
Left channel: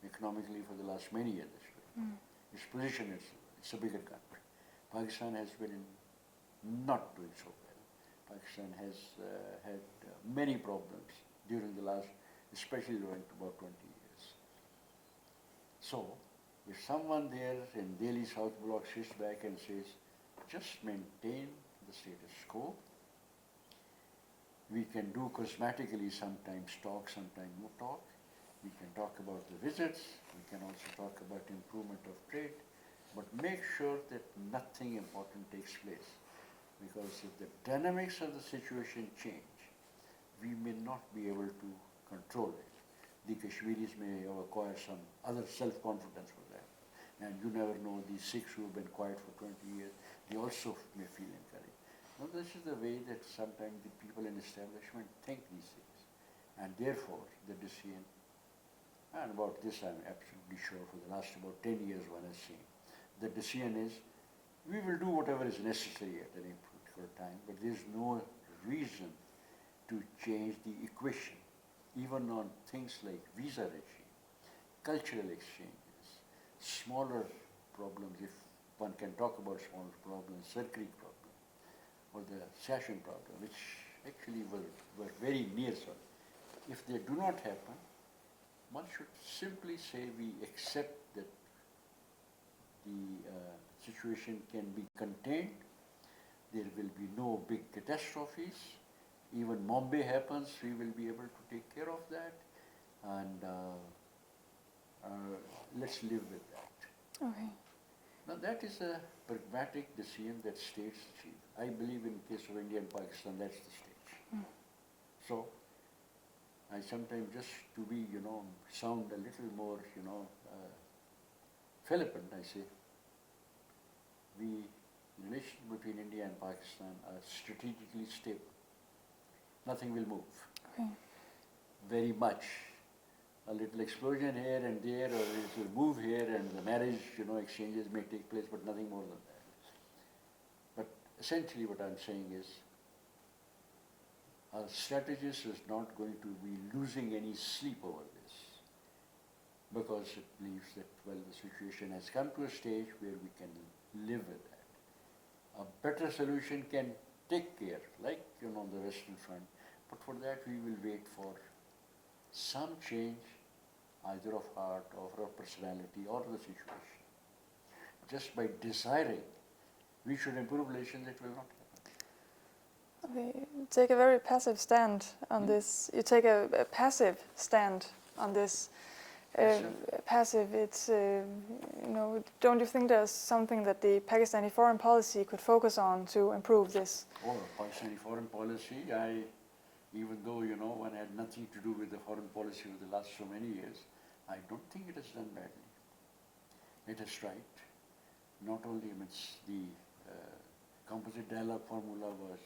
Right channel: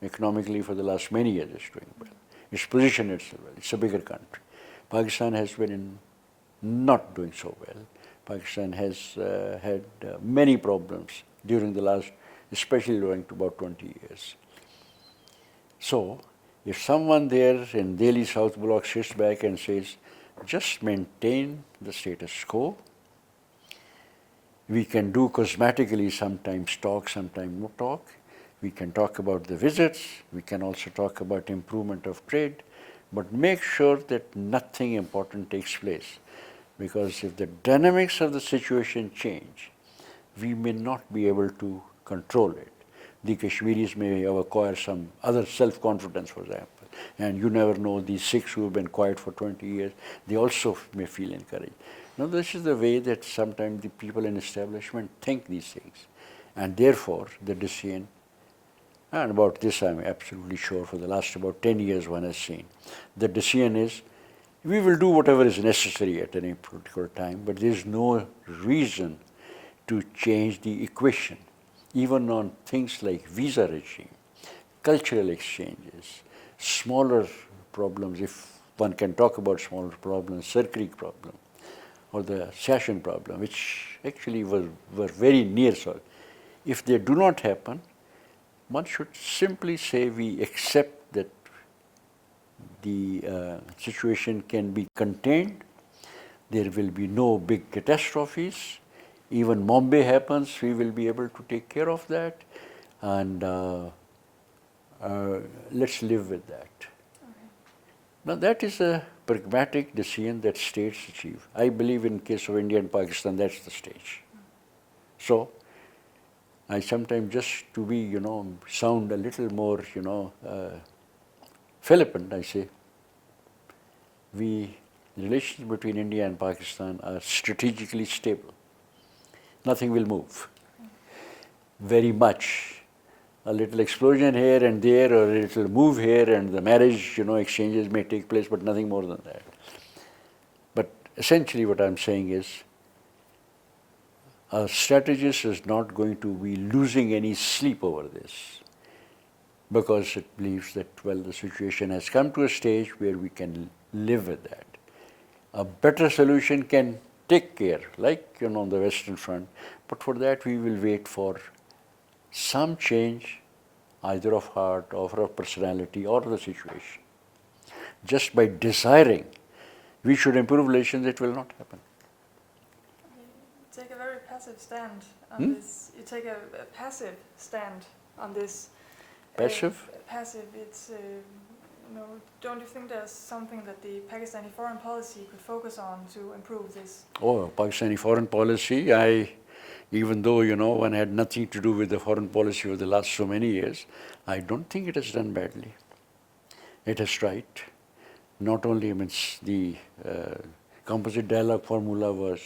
Economically, for the last many years, it's doing well. Its position itself well. It's a bigger country. Pakistan has been not doing so well. Pakistan has had many problems during the last, especially going to about 20 years. So, if someone there in Delhi South Block sits back and says, just maintain the status quo, we can do cosmetically sometimes talk, sometimes no talk. We can talk about the visits, we can also talk about improvement of trade, but make sure that nothing important takes place. Because if the dynamics of the situation change, we may not be able to control it. The Kashmiris may acquire some other self-confidence, for example. And you never know, these Sikhs who have been quiet for 20 years, they also may feel encouraged. Now, this is the way that sometimes the people in establishment think these things. And therefore, the decision, and about this I'm absolutely sure for the last about 10 years one has seen, the decision is, we will do whatever is necessary at any particular time, but there is no reason to change the equation, even on things like visa regime, cultural exchanges, smaller problems, if one can talk about smaller problems, Sir Creek problem, or the Session problem, which actually were very near. So if they do not happen, one should simply say we accept that the situation can be contained, there will be no big catastrophes, even Mumbai happens, we will be able to take care of that, and let's live with that. Okay. Now that is a pragmatic decision that states achieve. I believe in case of India and Pakistan, that's the stage. So I sometimes, just to be, sound a little more, flippant, I say, the relations between India and Pakistan are strategically stable. Nothing will move. Okay. Very much. A little explosion here and there, or a little move here, and the marriage, exchanges may take place, but nothing more than that. But essentially what I'm saying is, a strategist is not going to be losing any sleep over this, because it believes that, well, the situation has come to a stage where we can live with that. A better solution can take care, like, on the Western Front, but for that we will wait for some change, either of heart or of personality or the situation. Just by desiring we should improve relations, it will not happen. Okay. You take a very passive stand on this. You take a passive stand on this. Passive? Passive. It's, don't you think there's something that the Pakistani foreign policy could focus on to improve this? Oh, Pakistani foreign policy, even though, one had nothing to do with the foreign policy over the last so many years, I don't think it has done badly. It has tried. Not only means the composite dialogue formula was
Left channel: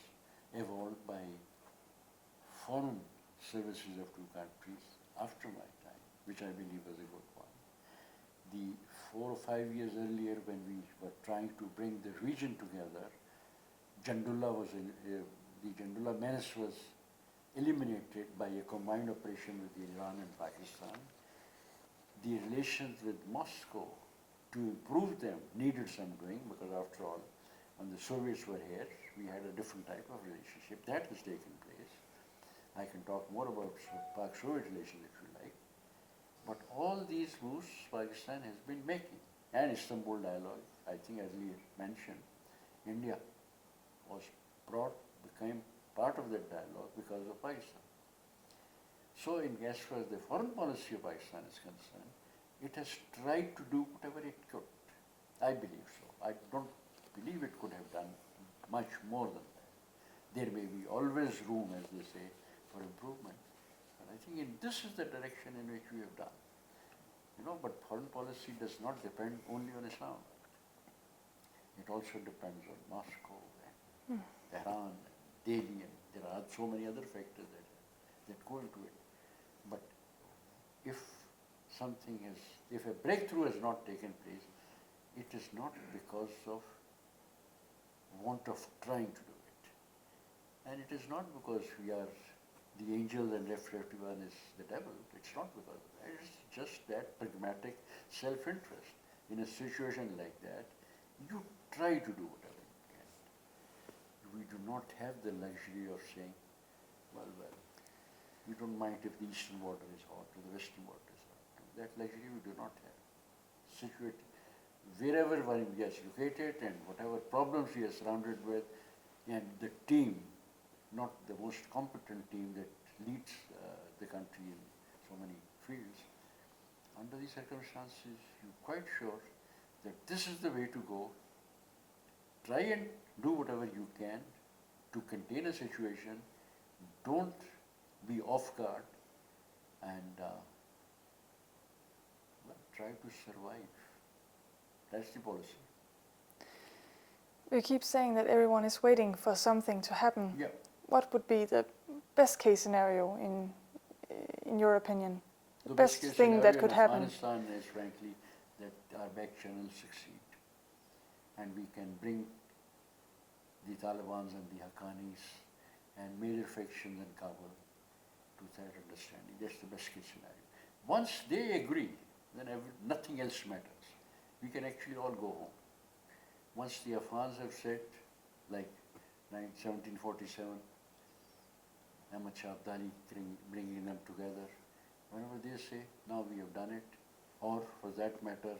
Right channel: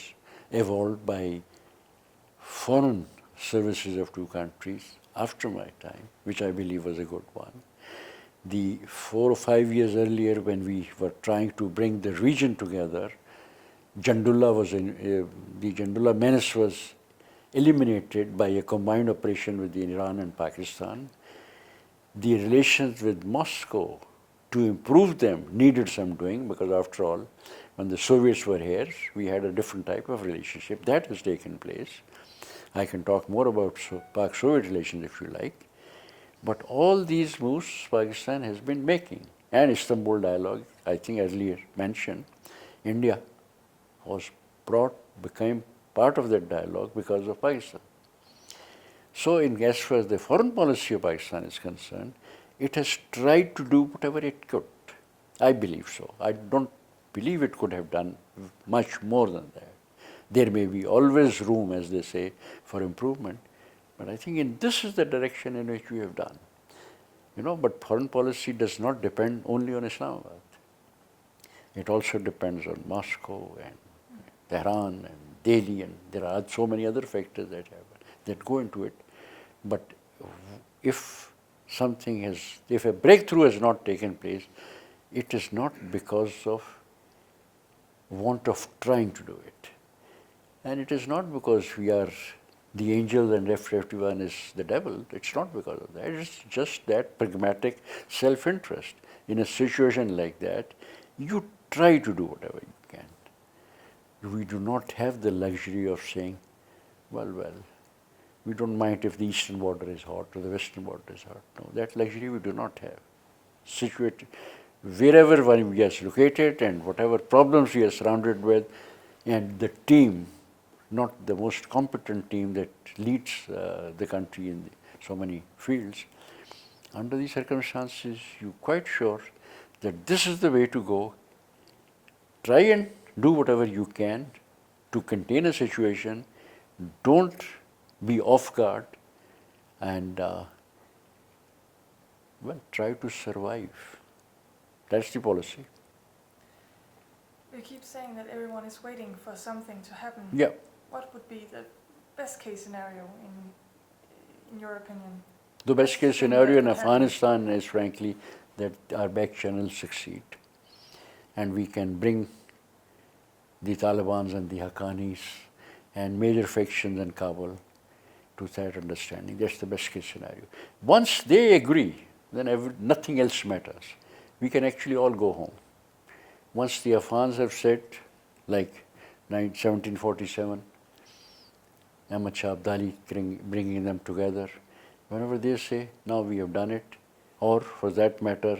evolved by foreign services of two countries after my time, which I believe was a good one. The 4 or 5 years earlier, when we were trying to bring the region together, the Jandullah menace was eliminated by a combined operation with Iran and Pakistan. The relations with Moscow, to improve them, needed some doing, because after all, when the Soviets were here, we had a different type of relationship. That has taken place. I can talk more about Pak-Soviet relations if you like. But all these moves Pakistan has been making. And Istanbul dialogue, I think earlier mentioned, India became part of that dialogue because of Pakistan. So as far as the foreign policy of Pakistan is concerned, it has tried to do whatever it could. I believe so. I don't believe it could have done much more than that. There may be always room, as they say, for improvement, but I think this is the direction in which we have done. But foreign policy does not depend only on Islamabad. It also depends on Moscow and Tehran and Delhi, and there are so many other factors that go into it. But if a breakthrough has not taken place, it is not because of want of trying to do it. And it is not because we are the angel and F-51 is the devil. It's not because of that. It's just that pragmatic self-interest. In a situation like that, you try to do whatever you can. We do not have the luxury of saying, well, we don't mind if the eastern border is hot or the western border is hot. No, that luxury we do not have. Situated wherever we are located and whatever problems we are surrounded with, and the team, not the most competent team that leads the country in so many fields, under these circumstances, you're quite sure that this is the way to go. Try and do whatever you can to contain a situation. Don't be off guard, and try to survive. That's the policy. You keep saying that everyone is waiting for something to happen. Yeah. What would be the best case scenario in your opinion? The best case scenario in Afghanistan is frankly that our back channels succeed and we can bring the Taliban and the Haqqanis and major factions in Kabul to that understanding. That's the best case scenario. Once they agree, then nothing else matters. We can actually all go home. Once the Afghans have said, like 1747, Ahmad Shah Abdali bringing them together, whenever they say, now we have done it, or for that matter,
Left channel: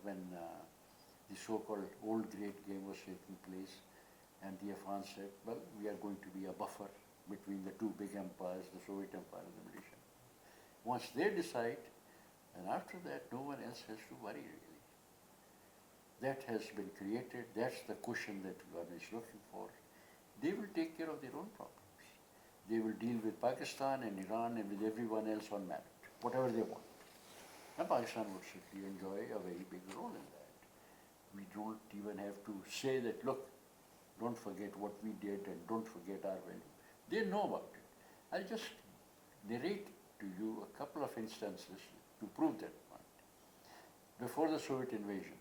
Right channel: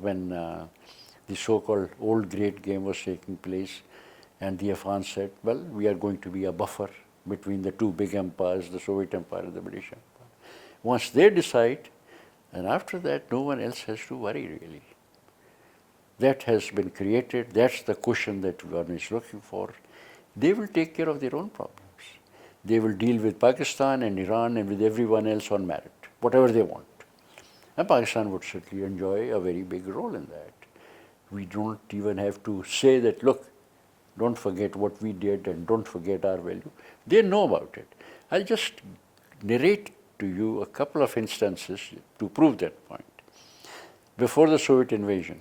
when the so-called old great game was taking place, and the Afghans said, well, we are going to be a buffer between the two big empires, the Soviet Empire and the British Empire. Once they decide, And after that, no one else has to worry really. That has been created, that's the cushion that one is looking for. They will take care of their own problems. They will deal with Pakistan and Iran and with everyone else on merit, whatever they want. And Pakistan would certainly enjoy a very big role in that. We don't even have to say that, look, don't forget what we did and don't forget our value. They know about it. I'll just narrate to you a couple of instances to prove that point. Before the Soviet invasion,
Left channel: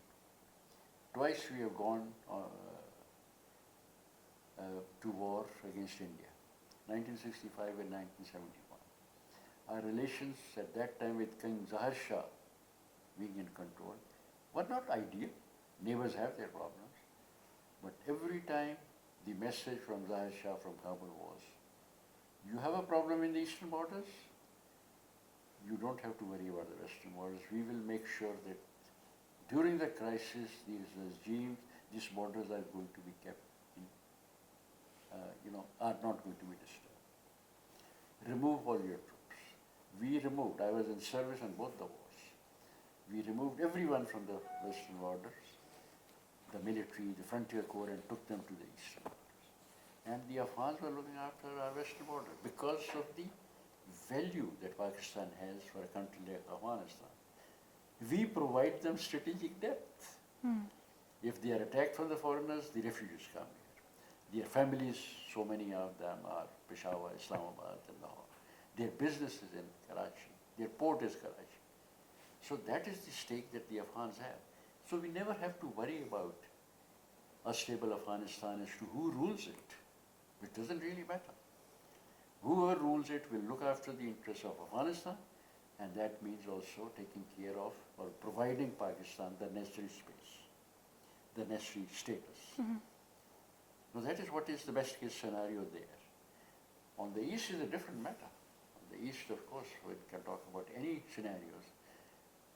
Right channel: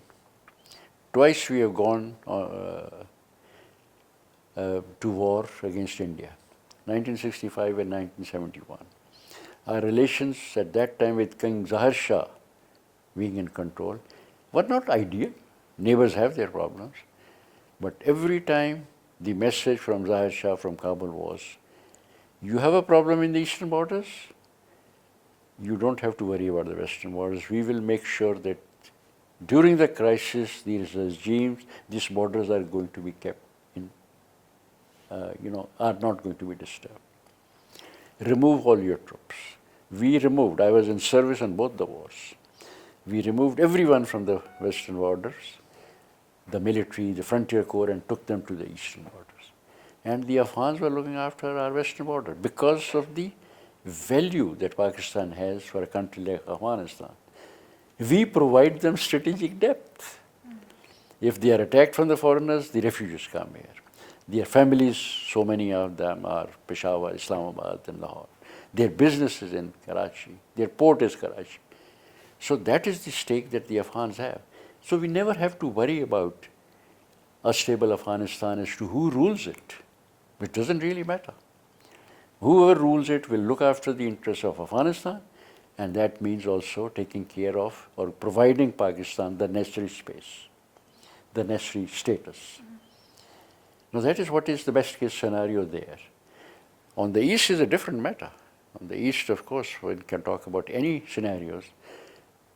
twice we have gone to war against India, 1965 and 1971. Our relations at that time with King Zahir Shah being in control were not ideal. Neighbors have their problems. But every time the message from Zahir Shah from Kabul was, you have a problem in the eastern borders, you don't have to worry about the western borders. We will make sure that during the crisis, these regimes, these borders are going to be kept in, are not going to be disturbed. Remove all your troops. We removed, I was in service on both the wars. We removed everyone from the western borders, the military, the frontier corps, and took them to the eastern borders. And the Afghans were looking after our western border because of the value that Pakistan has for a country like Afghanistan. We provide them strategic depth. If they are attacked from the foreigners, the refugees come here. Their families, so many of them are Peshawar, Islamabad, and Lahore. Their business is in Karachi. Their port is Karachi. So that is the stake that the Afghans have. So we never have to worry about a stable Afghanistan as to who rules it. It doesn't really matter. Whoever rules it will look after the interests of Afghanistan, and that means also taking care of or providing Pakistan the necessary space, the necessary status. Now that is what is the best case scenario there. On the east is a different matter. On the east, of course, one can talk about any scenarios,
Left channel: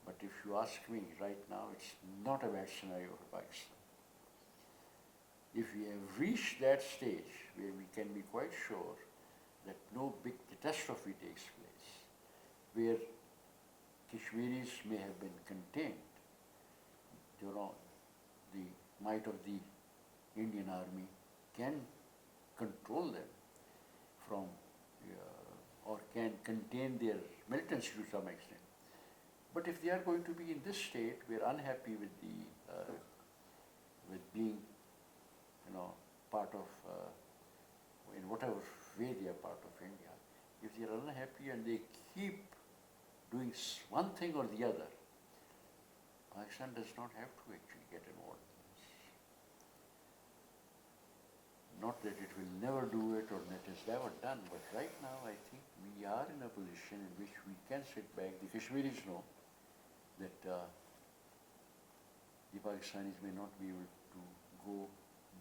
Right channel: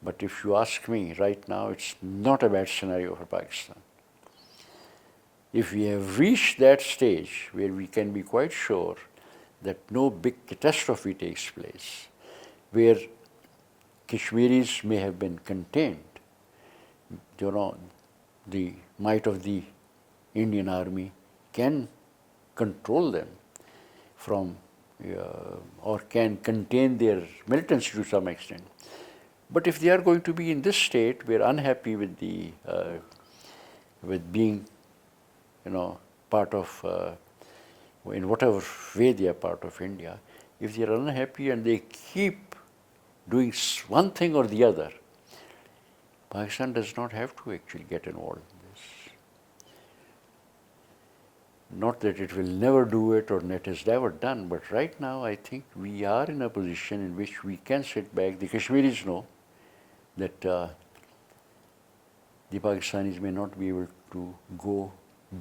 but if you ask me right now, it's not a bad scenario for Pakistan. If we have reached that stage where we can be quite sure that no big catastrophe takes place, where Kashmiris may have been contained, the might of the Indian army can control them from or can contain their militancy to some extent. But if they are going to be in this state, we are unhappy with the with being, part of in whatever way they are part of India. If they are unhappy and they keep doing one thing or the other, Pakistan does not have to actually get involved in this. Not that it will never do it or that is never done, but right now I think we are in a position in which we can sit back. The Kashmiris know that the Pakistanis may not be able to go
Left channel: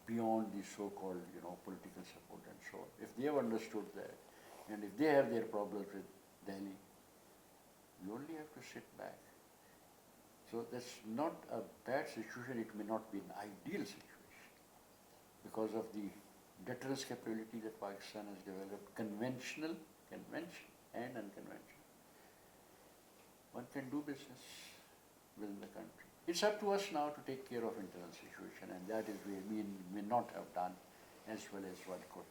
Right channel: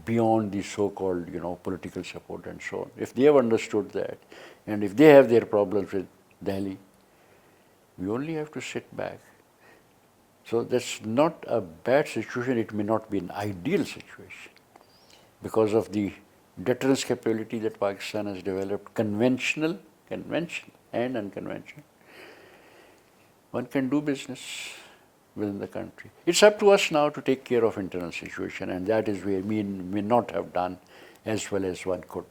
beyond the so-called, political support and so on. If they have understood that, and if they have their problems with Delhi, we only have to sit back. So that's not a bad situation. It may not be an ideal situation because of the deterrence capability that Pakistan has developed, conventional and unconventional. One can do business within the country. It's up to us now to take care of internal situation, and that is where we may not have done as well as one could.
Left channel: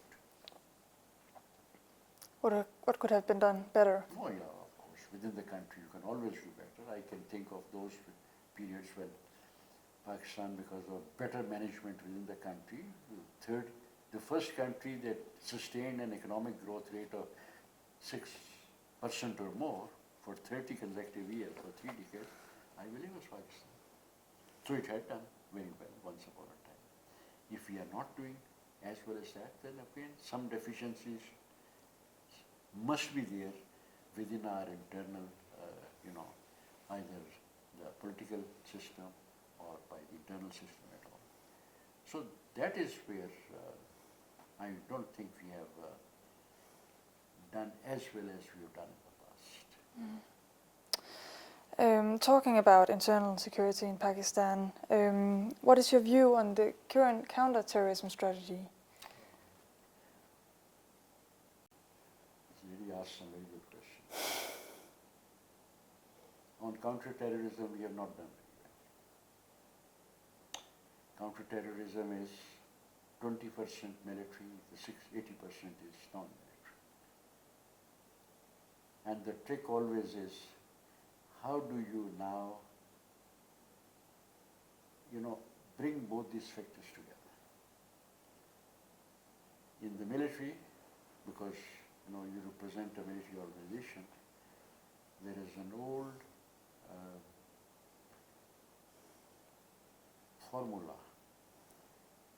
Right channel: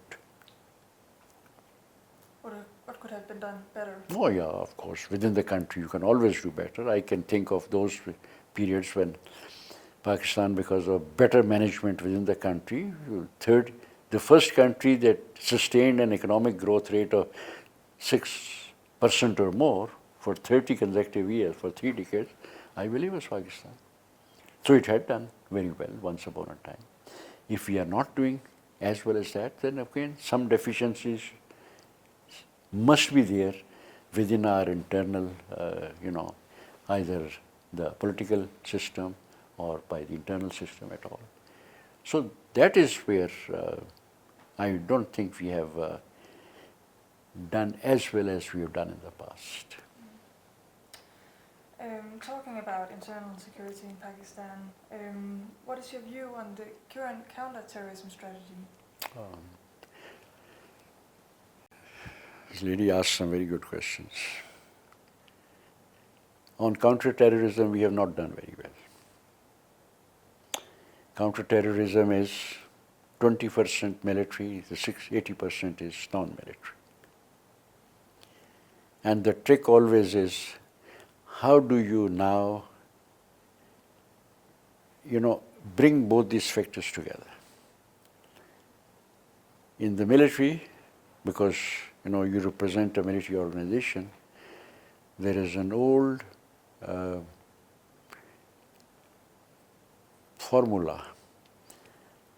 What could have been done better? Oh yeah, of course. Within the country, you can always do better. I can think of those periods when Pakistan, because of better management within the country, the first country that sustained an economic growth rate of 6% or more for 30 consecutive years, for 3 decades, I believe was Pakistan. So it had done very well once upon a time. If we are not doing as well as that, then again some deficiencies must be there within our internal, either the political system or by the internal system at all. So that is where I don't think we have done as well as we have done in the past. Talking about internal security in Pakistan, what is your view on the current counter-terrorism strategy? This lady asked some very good questions. On counter-terrorism, we have not done very well. Counter-terrorism is 20% military, the 80% is non-military. And the trick always is, how do you now, bring both these factors together? In the military, because you represent a military organization, there is an old formula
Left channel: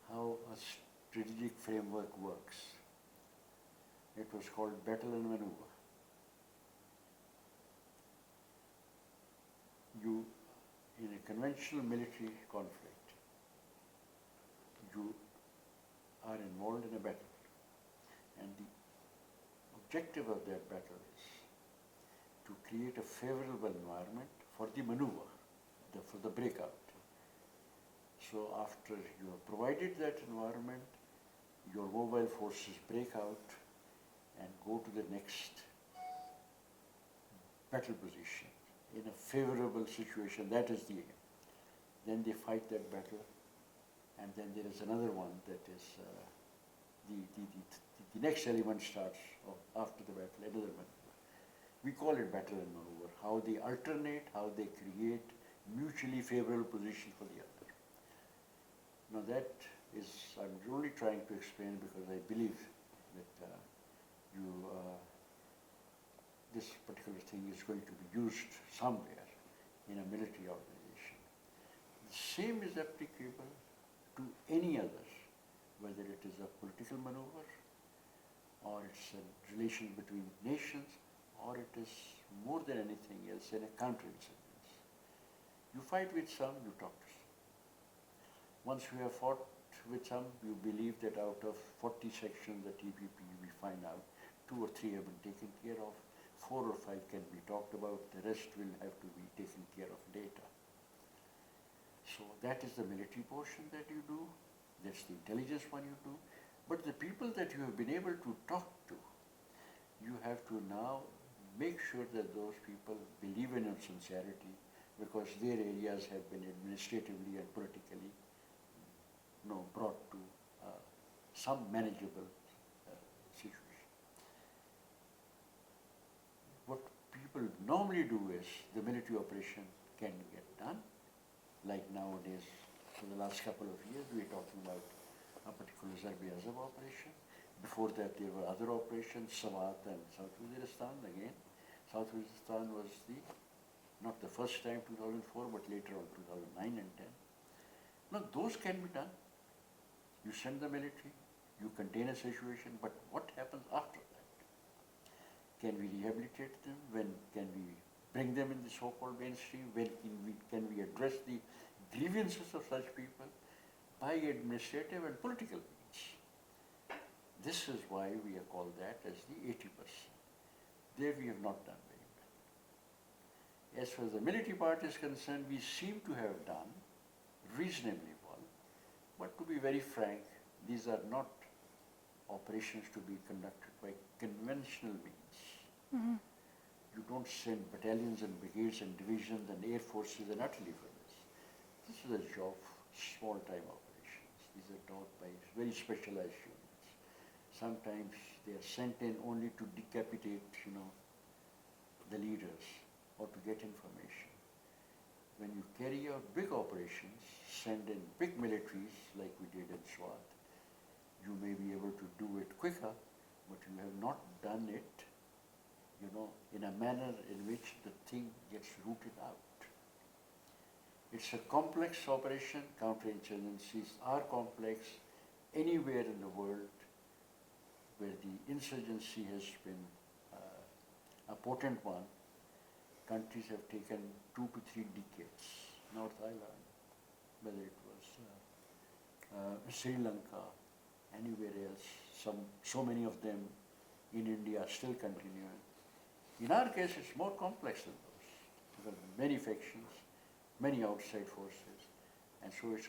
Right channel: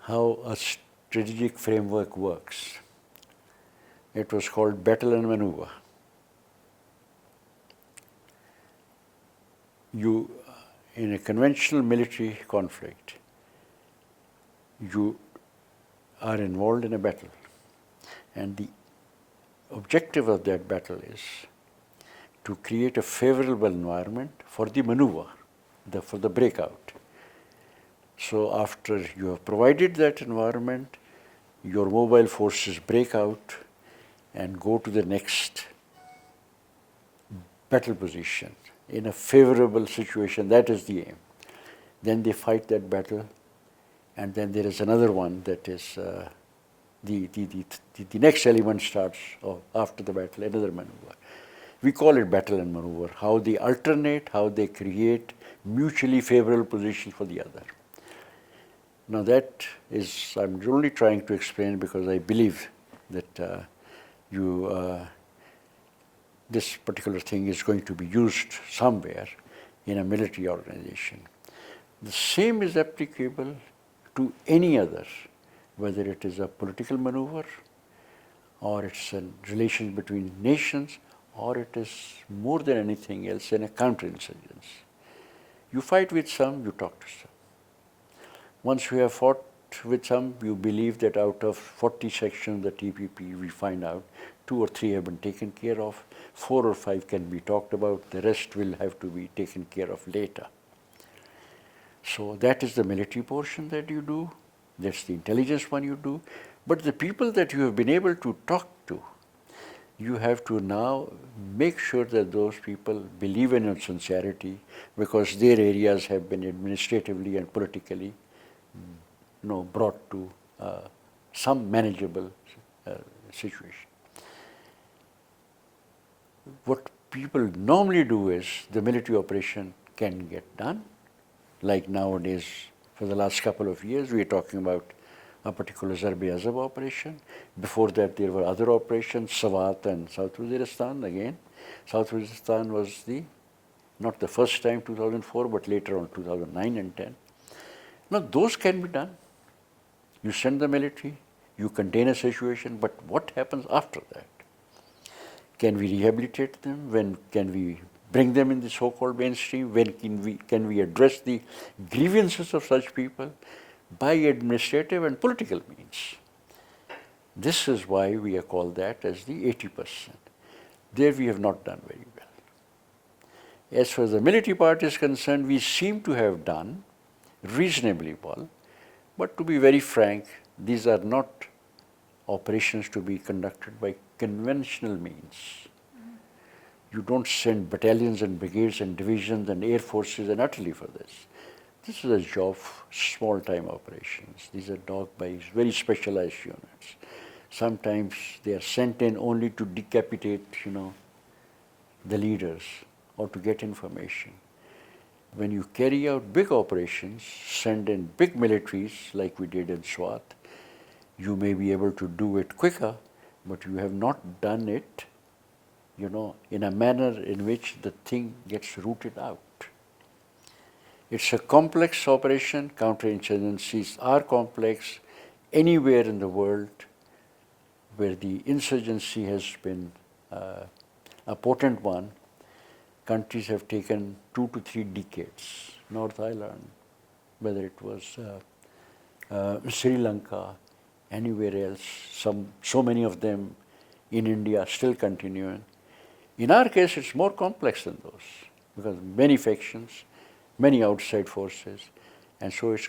how a strategic framework works. It was called battle and maneuver. In a conventional military conflict, you are involved in a battle, and the objective of that battle is to create a favorable environment for the maneuver, for the breakout. So after you have provided that environment, your mobile forces break out and go to the next battle position in a favorable situation. That is the aim. Then they fight that battle, and then there is another one that is the next element starts after the battle, another maneuver. We call it battle and maneuver, how they alternate, how they create mutually favorable positions for the other. Now that is, I'm only trying to explain because I believe that this particular thing is going to be used somewhere in a military organization. The same is applicable to any other, whether it is a political maneuver, or it's a relation between nations, or it is more than anything else in a counterinsurgency. You fight with some, you talk to some. Once you have fought with some, you believe that out of 40 sections of the TPP, we find out 2 or 3 have been taken care of, 4 or 5 can be talked about, the rest will have to be taken care of later. So that is the military portion that you do, that's the intelligence one you do, but the people that you have been able to talk to, you have to now make sure that those people believe in your sincerity, because their areas have been administratively and politically brought to some manageable situation. What people normally do is the military operation can get done. Like nowadays, for the last couple of years, we are talking about a particular Zarb-e-Azab operation. Before that, there were other operations, Swat and South Waziristan again. South Waziristan was not the first time, 2004, but later on, 2009 and 10. Now, those can be done. You send the military, you contain a situation, but what happens after that? Can we rehabilitate them? When can we bring them in the so-called mainstream? When can we address the grievances of such people? By administrative and political means. This is why we are called that as the 80%. There we have not done very well. As far as the military part is concerned, we seem to have done reasonably well, but to be very frank, these are not operations to be conducted by conventional means. Mm-hmm. You don't send battalions and brigades and divisions and air forces and artillery for this. This is a job of small-time operations. These are done by very specialized units. Sometimes they are sent in only to decapitate, the leaders or to get information. When you carry out big operations, send in big militaries like we did in Swat, you may be able to do it quicker, but you have not done it, in a manner in which the thing gets rooted out. It's a complex operation. Counterinsurgencies are complex. Anywhere in the world where the insurgency has been a potent one, countries have taken 2 to 3 decades. North Ireland, whether it was Sri Lanka, anywhere else, so many of them in India still continuing. In our case, it's more complex than those, because many factions, many outside forces, and so it's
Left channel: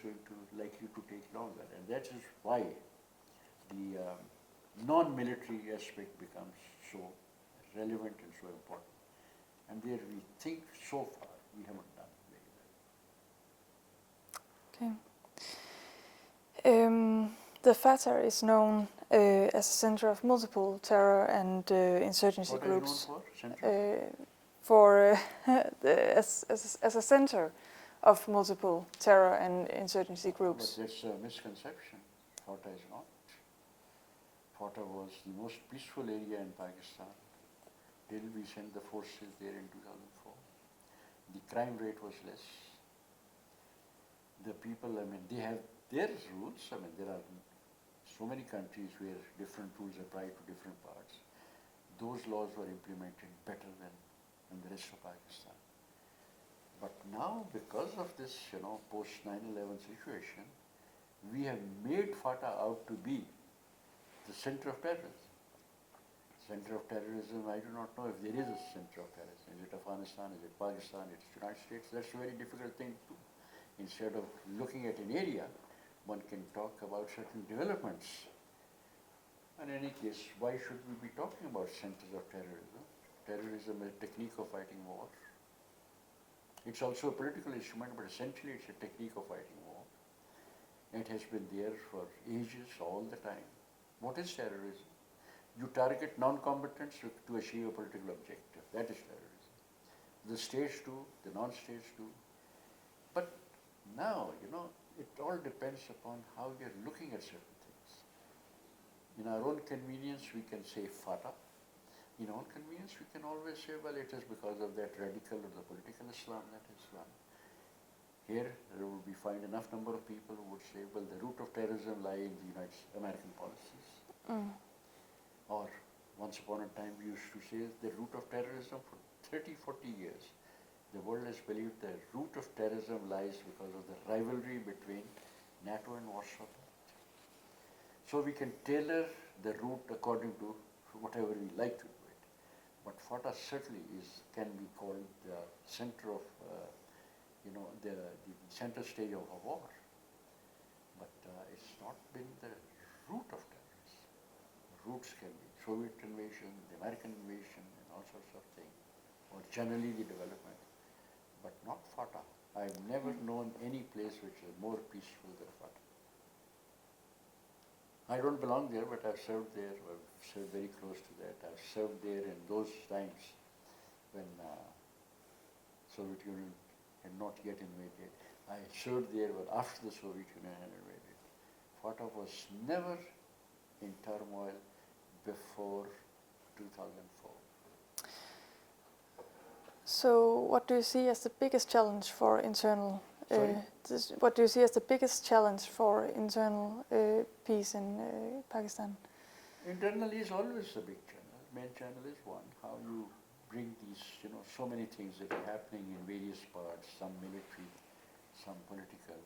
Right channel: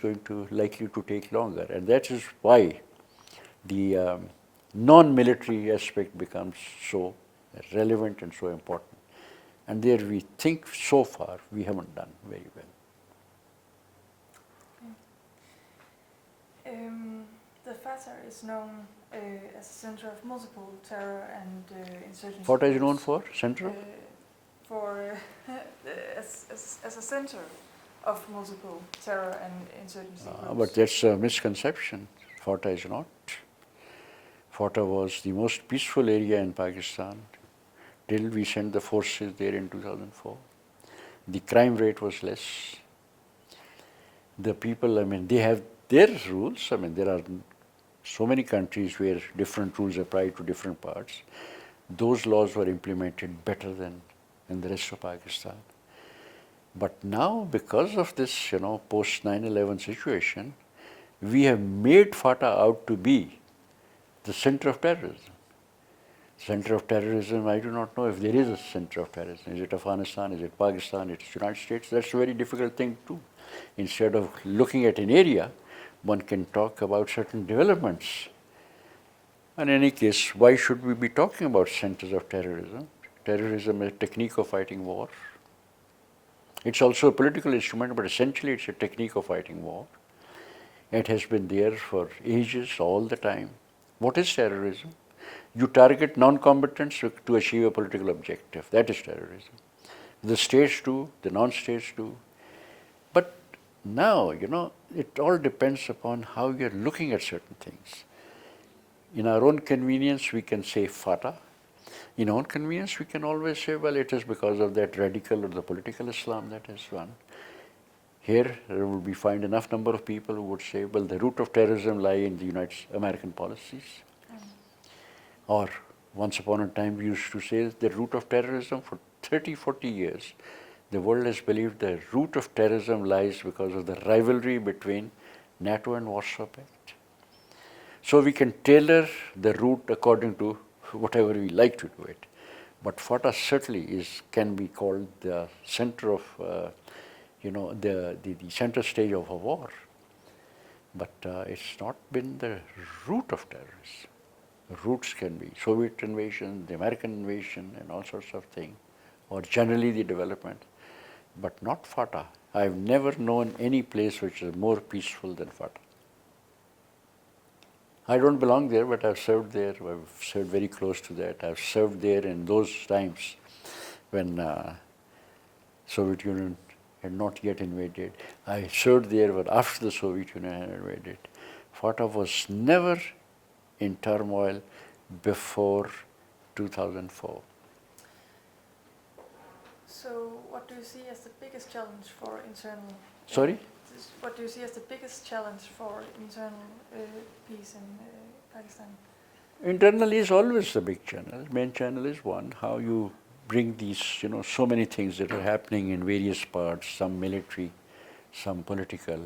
likely to take longer. And that is why the non-military aspect becomes so relevant and so important. And there we think so far we haven't done very well. Okay. The Fatah is known as a center of multiple terror and insurgency What groups. are you known for? Center? As a center of multiple terror and insurgency groups. But that's a misconception. Fatah is not. Fatah was the most peaceful area in Pakistan till we sent the forces there in 2004. The crime rate was less. The people, I mean, they have their rules. I mean, there are so many countries where different rules apply to different parts. Those laws were implemented better than in the rest of Pakistan. But now, because of this, post 9/11 situation, we have made Fatah out to be the center of terrorism. Center of terrorism, I do not know if there is a center of terrorism. Is it Afghanistan? Is it Pakistan? Is it the United States? That's a very difficult thing to do. Instead of looking at an area, one can talk about certain developments. In any case, why should we be talking about centers of terrorism? Terrorism is a technique of fighting war. It's also a political instrument, but essentially it's a technique of fighting war. It has been there for ages, all the time. What is terrorism? You target non-combatants to achieve a political objective. That is terrorism. The states do, the non-states do. But now, it all depends upon how you're looking at certain things. In our own convenience, we can say Fatah. In our own convenience, we can always say, well, it is because of that radical or the political Islam that has run. Here, there will be find enough number of people who would say, well, the root of terrorism lie in the United American policies. Or once upon a time, we used to say the root of terrorism for 30, 40 years. The world has believed the root of terrorism lies because of the rivalry between NATO and Warsaw Pact. So we can tailor the route according to whatever we like to do it. But Fatah certainly can be called the center of, the center stage of a war. But it's not been the root of terrorism. The roots can be Soviet invasion, the American invasion, and all sorts of things, or generally the development, but not Fatah. I've never known any place which is more peaceful than Fatah. I don't belong there, but I've served there. I've served very close to that. I've served there in those times when Soviet Union had not yet invaded. I served there, but after the Soviet Union had invaded. Fatah was never in turmoil before 2004. So what do you see as the biggest challenge for internal... Sorry? What do you see as the biggest challenge for internal peace in Pakistan? Internal is always the big channel. Main channel is one, how you bring these, so many things that are happening in various parts, some military, some political.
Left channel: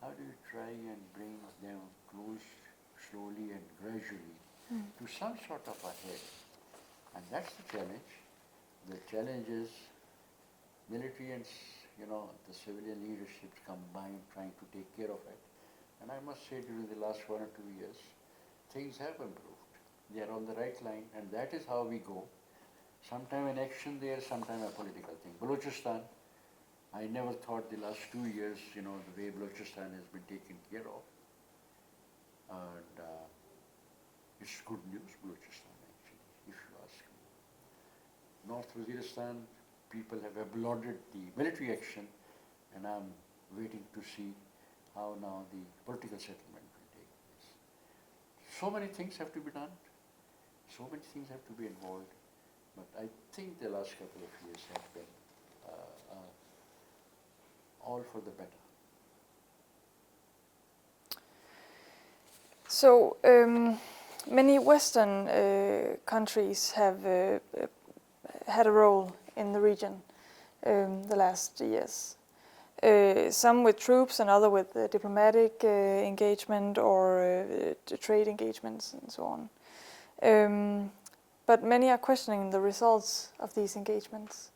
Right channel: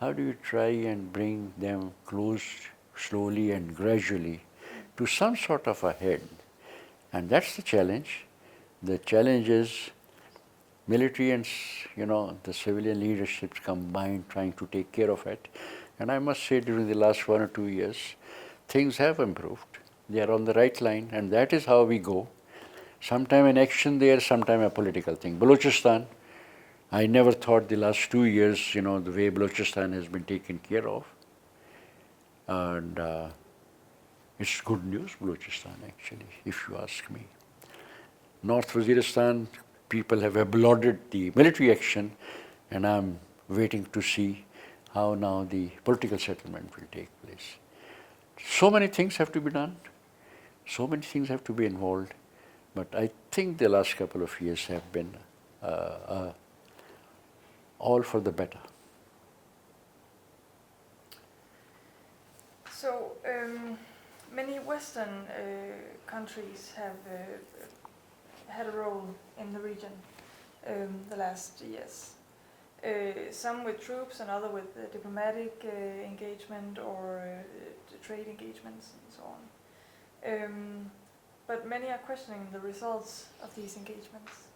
How do you try and bring them close slowly and gradually to some sort of a head? And that's the challenge. The challenge is military and the civilian leaderships combined trying to take care of it. And I must say during the last 1 or 2 years, things have improved. They are on the right line, and that is how we go. Sometime an action there, sometime a political thing. Balochistan, I never thought the last 2 years, the way Balochistan has been taken care of. And it's good news, Balochistan, actually, if you ask me. North Waziristan, people have applauded the military action, and I'm waiting to see how now the political settlement will take place. So many things have to be done. So many things have to be involved. But I think the last couple of years have been all for the better. So many Western countries have had a role in the region the last years. Some with troops and other with diplomatic engagement or trade engagements and so on. But many are questioning the results of these engagements.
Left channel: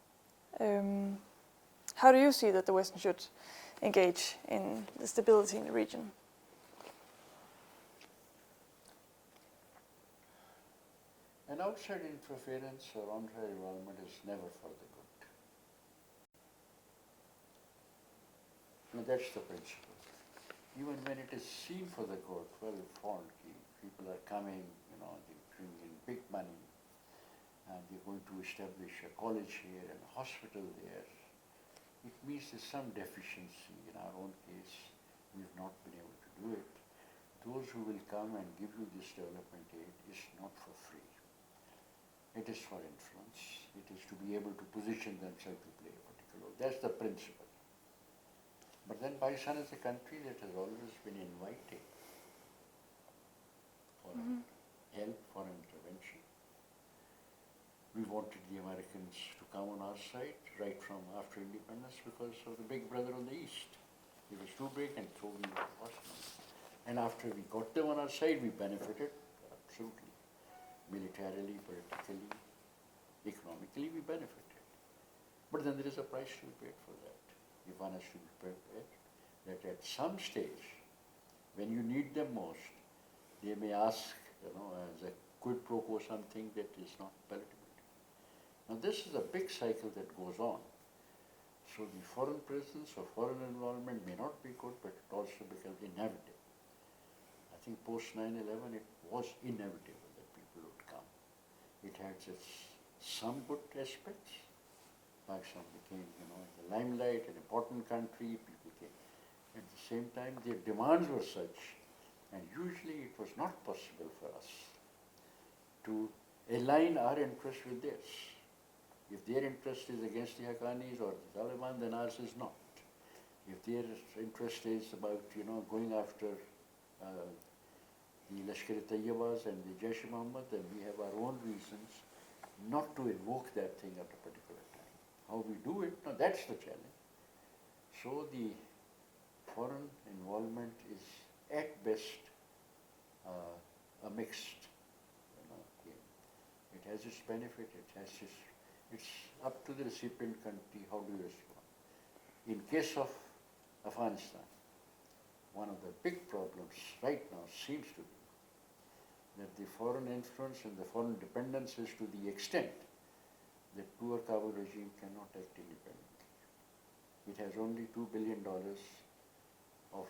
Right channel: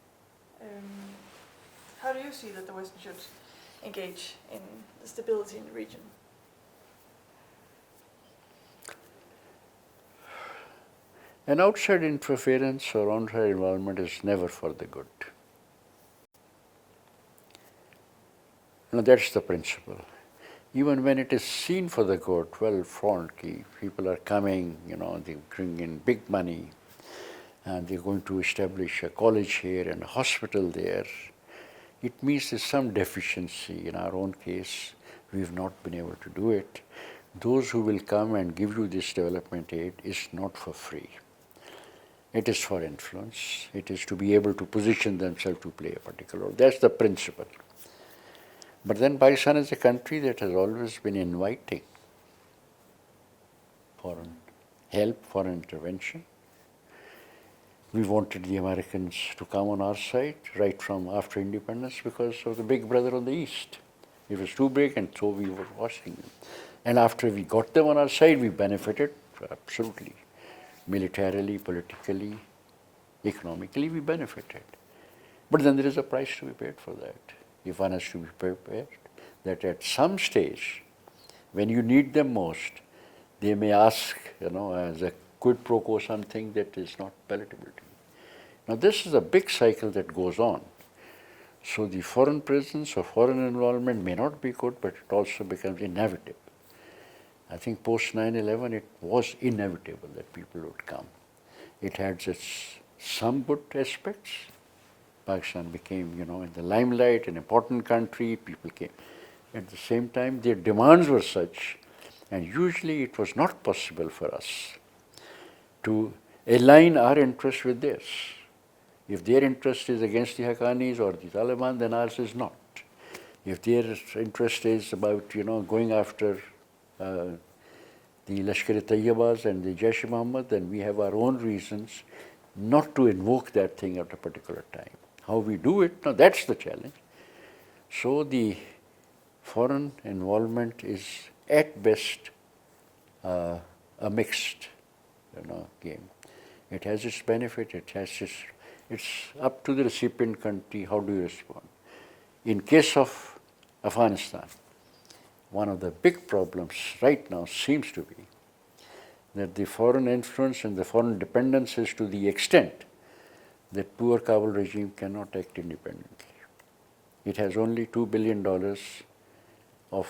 How do you see that the West should engage in the stability in the region? An outside interference or outside involvement is never for the good. Now that's the principle. Even when it is seen for the good, well, people are coming, they bring in big money, and they're going to establish a college here and a hospital there. It means there's some deficiency. In our own case, we've not been able to do it. Those who will come and give you this development aid is not for free. It is for influence. It is to be able to position themselves to play a particular role. That's the principle. But then Pakistan is a country that has always been inviting foreign help, foreign intervention. We wanted the Americans to come on our side right from after independence because of the big brother on the east. It was too big, and so we were watching them. And after we got them on our side, we benefited absolutely. Militarily, politically, economically, we benefited. But then there is a price to be paid for that. If one has to be prepared that at some stage, when you need them most, they may ask, as a quid pro quo something that is not palatable to you. Now this is a big cycle that goes on. So the foreign presence or foreign involvement may not be good, but it also becomes inevitable. I think post 9/11 it was inevitable that people would come. It had some good aspects. Pakistan became, in the limelight, an important country, people came. At the same time, their demands were such, and usually it was not possible for us to align our interest with theirs. If their interest is against the Haqqanis or the Taliban, then ours is not. If their interest is about, going after the Lashkar-e-Tayyibas and the Jaish-e-Mohammed, then we have our own reasons not to invoke that thing at a particular time. How we do it, now that's the challenge. So the foreign involvement is at best a mixed game. It has its benefit, it's up to the recipient country, how do you respond? In case of Afghanistan, one of the big problems right now seems to be that the foreign influence and the foreign dependence is to the extent that poor Kabul regime cannot act independently. It has only $2 billion of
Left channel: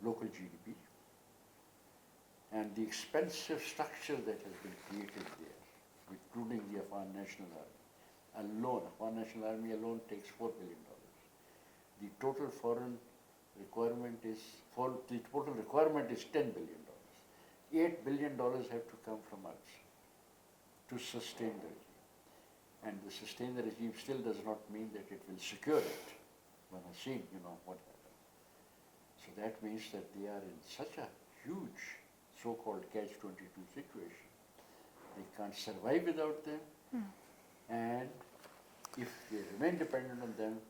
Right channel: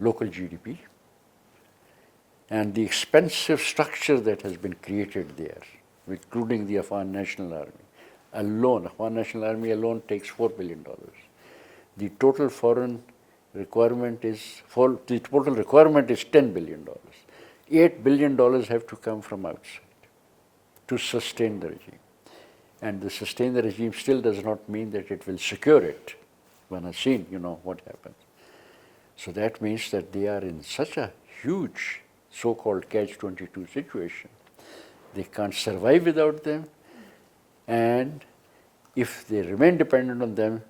local GDP, and the expensive structure that has been created there, including the Afghan National Army alone, Afghan National Army alone takes $4 billion. The total foreign requirement is $10 billion. $8 billion have to come from outside to sustain the regime. And the sustain the regime still does not mean that it will secure it. One has seen, what happens. So that means that they are in such a huge so-called catch-22 situation. They can't survive without them. And if they remain dependent on them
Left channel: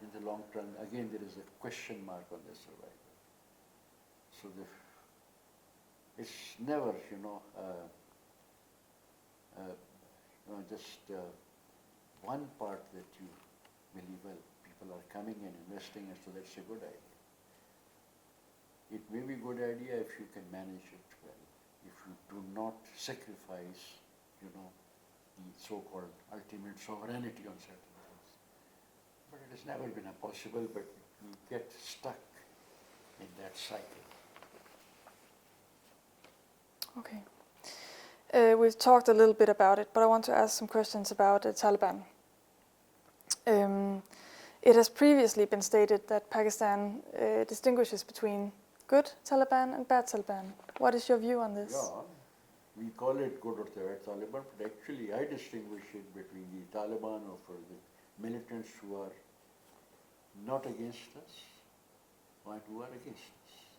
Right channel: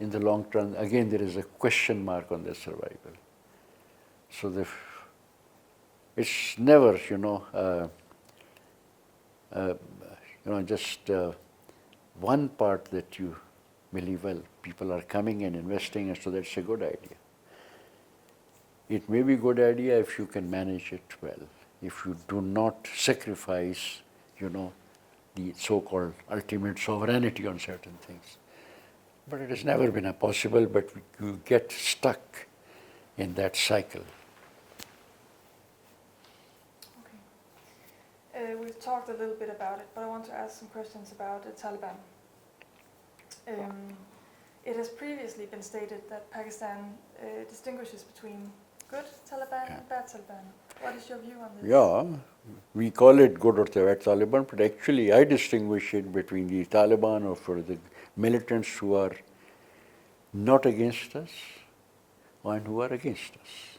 in the long term, again there is a question mark on their survival. So it's never, just one part that you believe, well, people are coming and investing, and so that's a good idea. It may be a good idea if you can manage it well, if you do not sacrifice, the so-called ultimate sovereignty on certain things. But it has never been possible, but you get stuck in that cycle. Okay. We've talked a little bit about it, but I want to ask some questions about the Taliban. It has previously been stated that Pakistan distinguishes between good Taliban and bad Taliban. What is your view on this? Yeah, we call it good or bad Taliban, but actually I distinguish it between the Taliban or for the militants who are not against us and who are against us.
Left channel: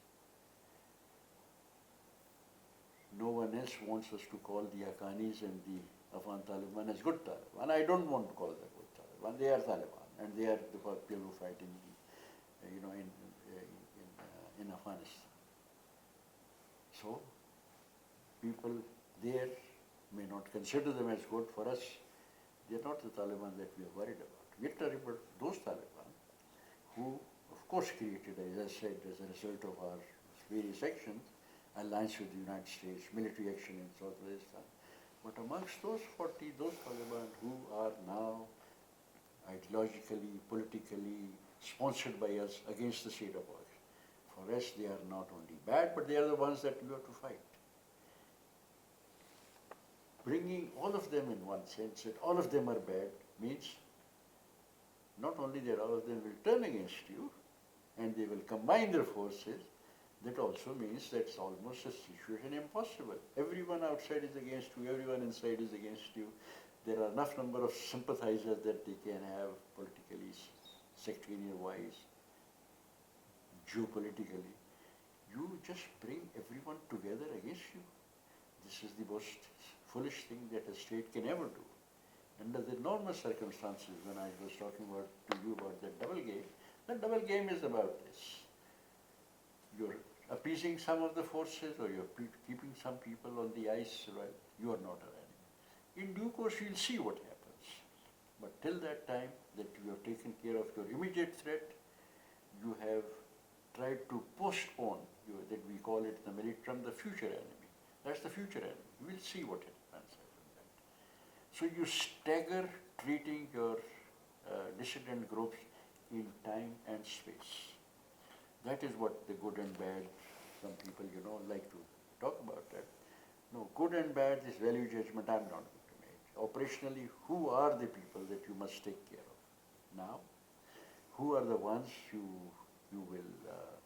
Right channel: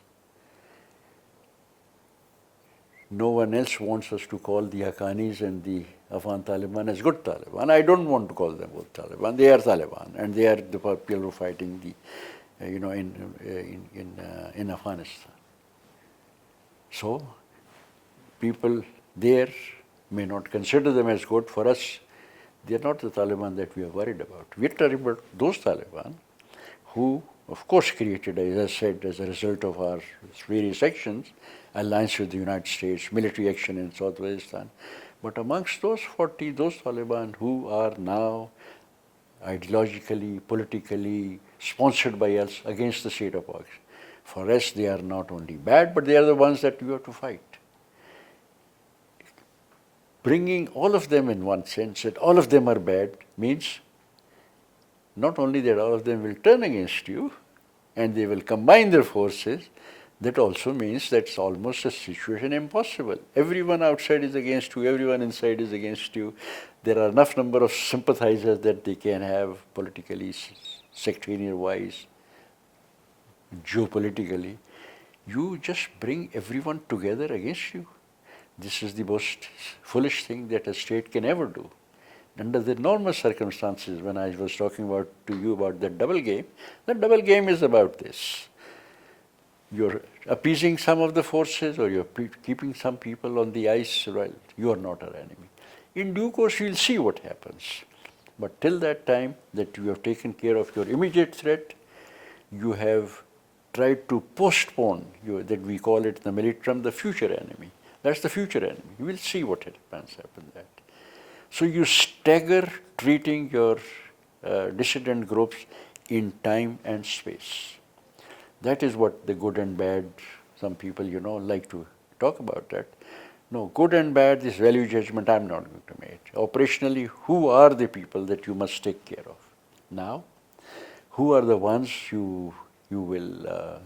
No one else wants us to call the Haqqanis and the Afghan Taliban as good Taliban. I don't want to call them good Taliban. They are Taliban, and they are the people who are fighting in Afghanistan. So people there may not consider them as good. For us, they are not the Taliban that we are worried about. We are worried about those Taliban who, of course, created, as I said, as a result of our various actions, alliance with the United States, military action in South Pakistan. But amongst those 40, those Taliban who are now ideologically, politically sponsored by us against the state of Pakistan, for us they are not only bad, but they are the ones that we have to fight. Bringing all of them in one sense, that all of them are bad, means not only that all of them will turn against you and they will combine their forces, that also means that's almost a situation impossible. Everyone outside is against you, everyone inside is against you. There are enough number of sympathizers that they can have politically, sectarian-wise, geopolitically. You just bring everyone together against you. This is the most foolish thing that a state can ever do. Under the normal circumstances, when I was talking to you about the double game is about this. You're appeasing some of the forces or you're keeping some people on the ice, well, you are not our enemy. In due course, we'll see what happens. But till that time that you have taken care of your immediate threat, you have tried to postpone, that we call it in the military term, the future enemy. That's the future enemy. You will see what happens after that. So you stagger treating your dissident groups in time and space. That is what the good and bad, some people, like to talk about that. No, good and bad, this value judgment I'm not going to make. Operationally, who are the people that you must take care of? Now, who are the ones you will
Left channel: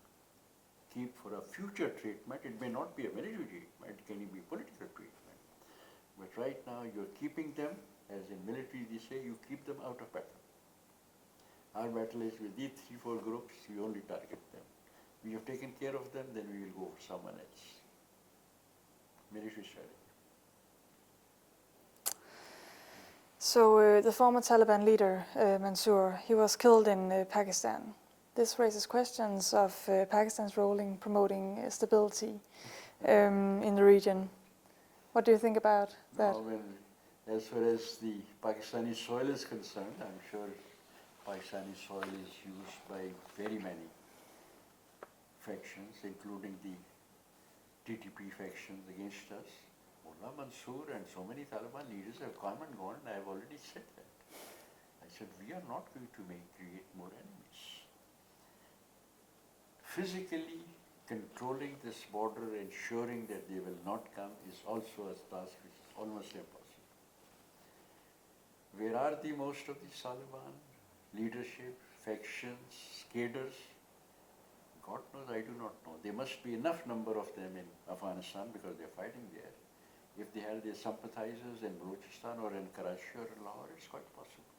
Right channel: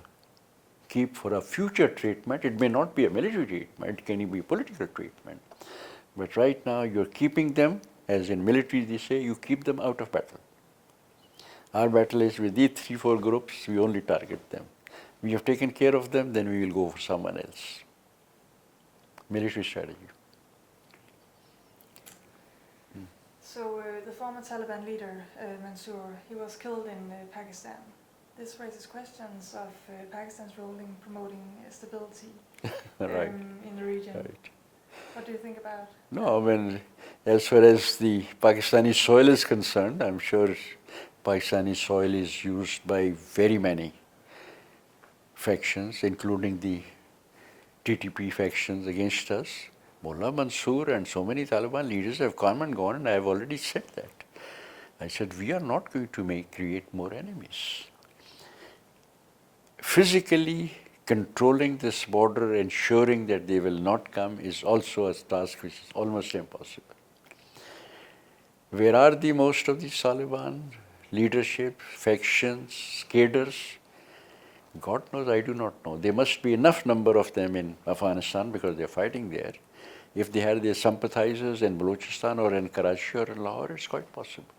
keep for a future treatment? It may not be a military treatment, it can be political treatment. But right now you're keeping them, as in military they say, you keep them out of battle. Our battle is with these 3-4 groups, we only target them. We have taken care of them, then we will go for someone else. Military strategy. So the former Taliban leader, Mansour, he was killed in Pakistan. This raises questions of Pakistan's role in promoting stability in the region. Right. What do you think about that? No, I mean, as far as the Pakistani soil is concerned, I'm sure Pakistani soil is used by very many factions, including the TTP factions against us. Mullah Mansour and so many Taliban leaders have come and gone, and I have already said that. I said, we are not going to create more enemies. Physically controlling this border, ensuring that they will not come, is also a task which is almost impossible. Where are the most of these Taliban leadership, factions, cadres? God knows, I do not know. There must be enough number of them in Afghanistan because they are fighting there. If they had their sympathizers in Balochistan or in Karachi or in Lahore, it's quite possible.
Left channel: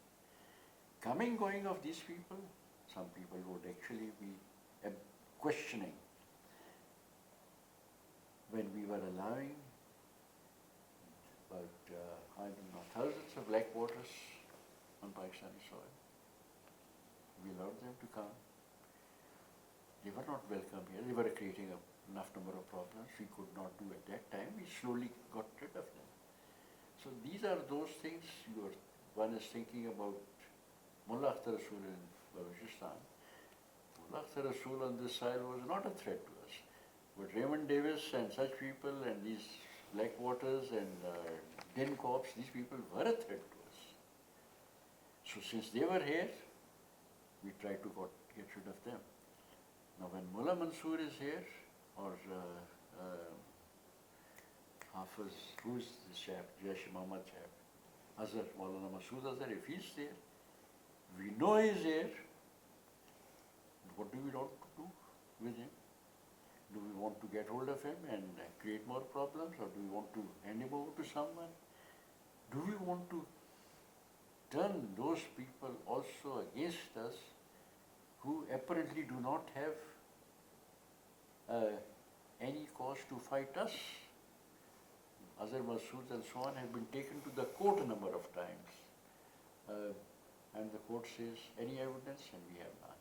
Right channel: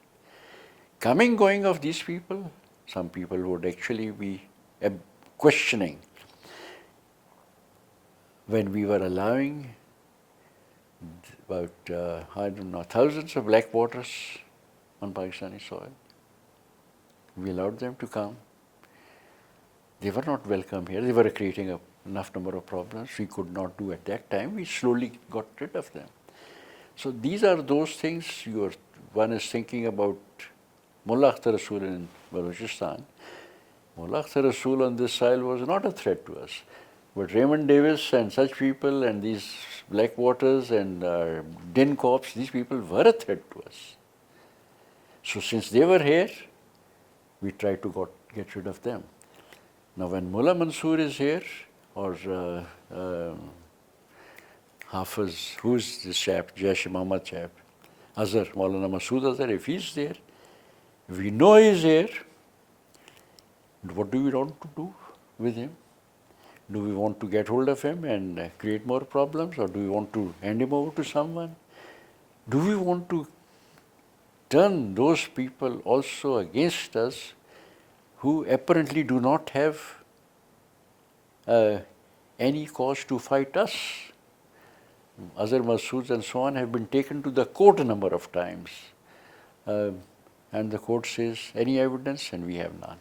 Coming, going of these people, some people would actually be questioning when we were allowing about, I don't know, thousands of black waters on Pakistani soil. We allowed them to come. They were not welcome here. They were creating enough number of problems we could not do at that time. We slowly got rid of them. So these are those things. One is thinking about Mullah Akhtar Rasul in Balochistan. Mullah Akhtar Rasul on this soil was not a threat to us. But Raymond Davis and such people and these Black Waters and Din Corps, these people were a threat to us. So since they were here, we tried to get rid of them. Now when Mullah Mansour is here, or Hafiz, who's this chap, Jaish-e-Mohammed chap, Azhar, Maulana Masood Azhar, if he's there, we know he's here, what do we want to do with him? Do we want to get hold of him and create more problems, or do we want to hand him over to someone? Do we want to turn those people also against us who apparently do not have any cause to fight us? Azhar Masoods and so on have been taken to the court a number of times. And the court says, any evidence? And we have none.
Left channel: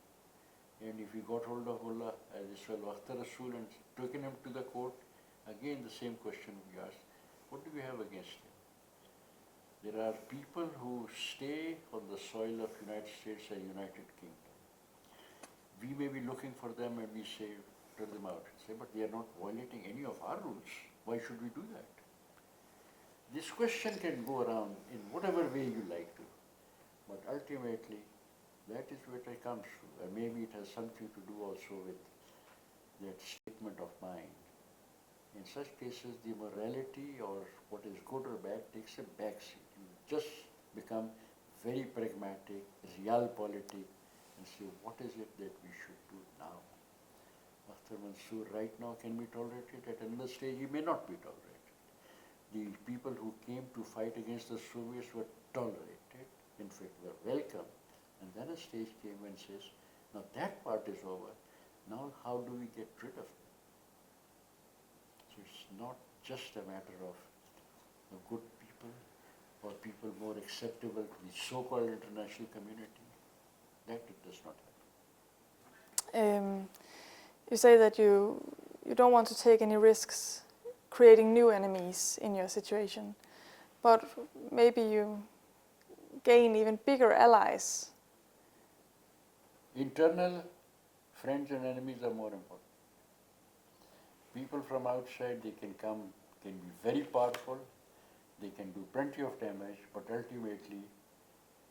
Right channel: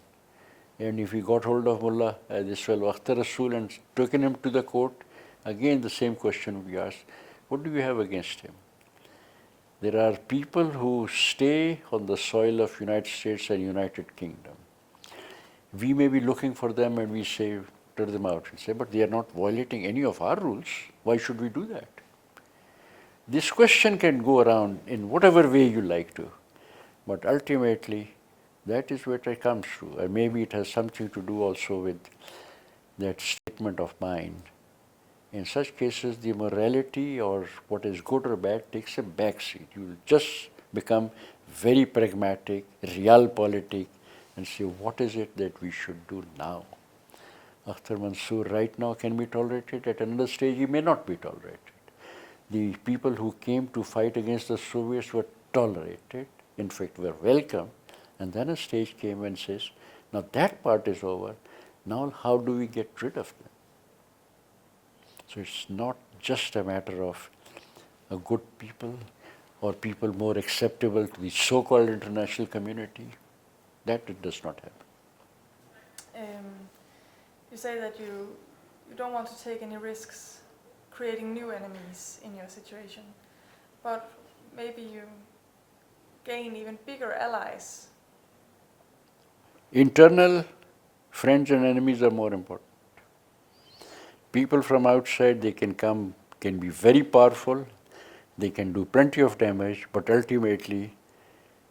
And if we got hold of Mullah, this fellow Akhtar Rasul, and taken him to the court, again the same question would be asked, what do you have against him? There are people who stay on the soil of United States and United Kingdom. We may be looking for them and we say, turn them out and say, but they are not violating any of our rules. Why should we do that? This question can go around in whatever way you like to, but ultimately that is where it comes to. And maybe it has something to do also with that statement of mine. In such cases, the morality or what is good or bad takes a backseat. You just become very pragmatic, realpolitik, and say, what is it that we should do now? Akhtar Mansoor right now can be tolerated. At another stage, he may not be tolerated. The people who came to fight against the Soviets were tolerated, in fact, were welcome. And then a stage came and says, now that part is over. Now how do we get rid of them? So it's not just a matter of a good people or people more acceptable to the so-called international community. That it does not happen. You say that you don't want to take any risks creating new enemies in your situation, but maybe you gain even bigger allies. Internal friends and enemies are more important. People from outside, they can come, can be very powerful, they can do plenty of damage, but ultimately,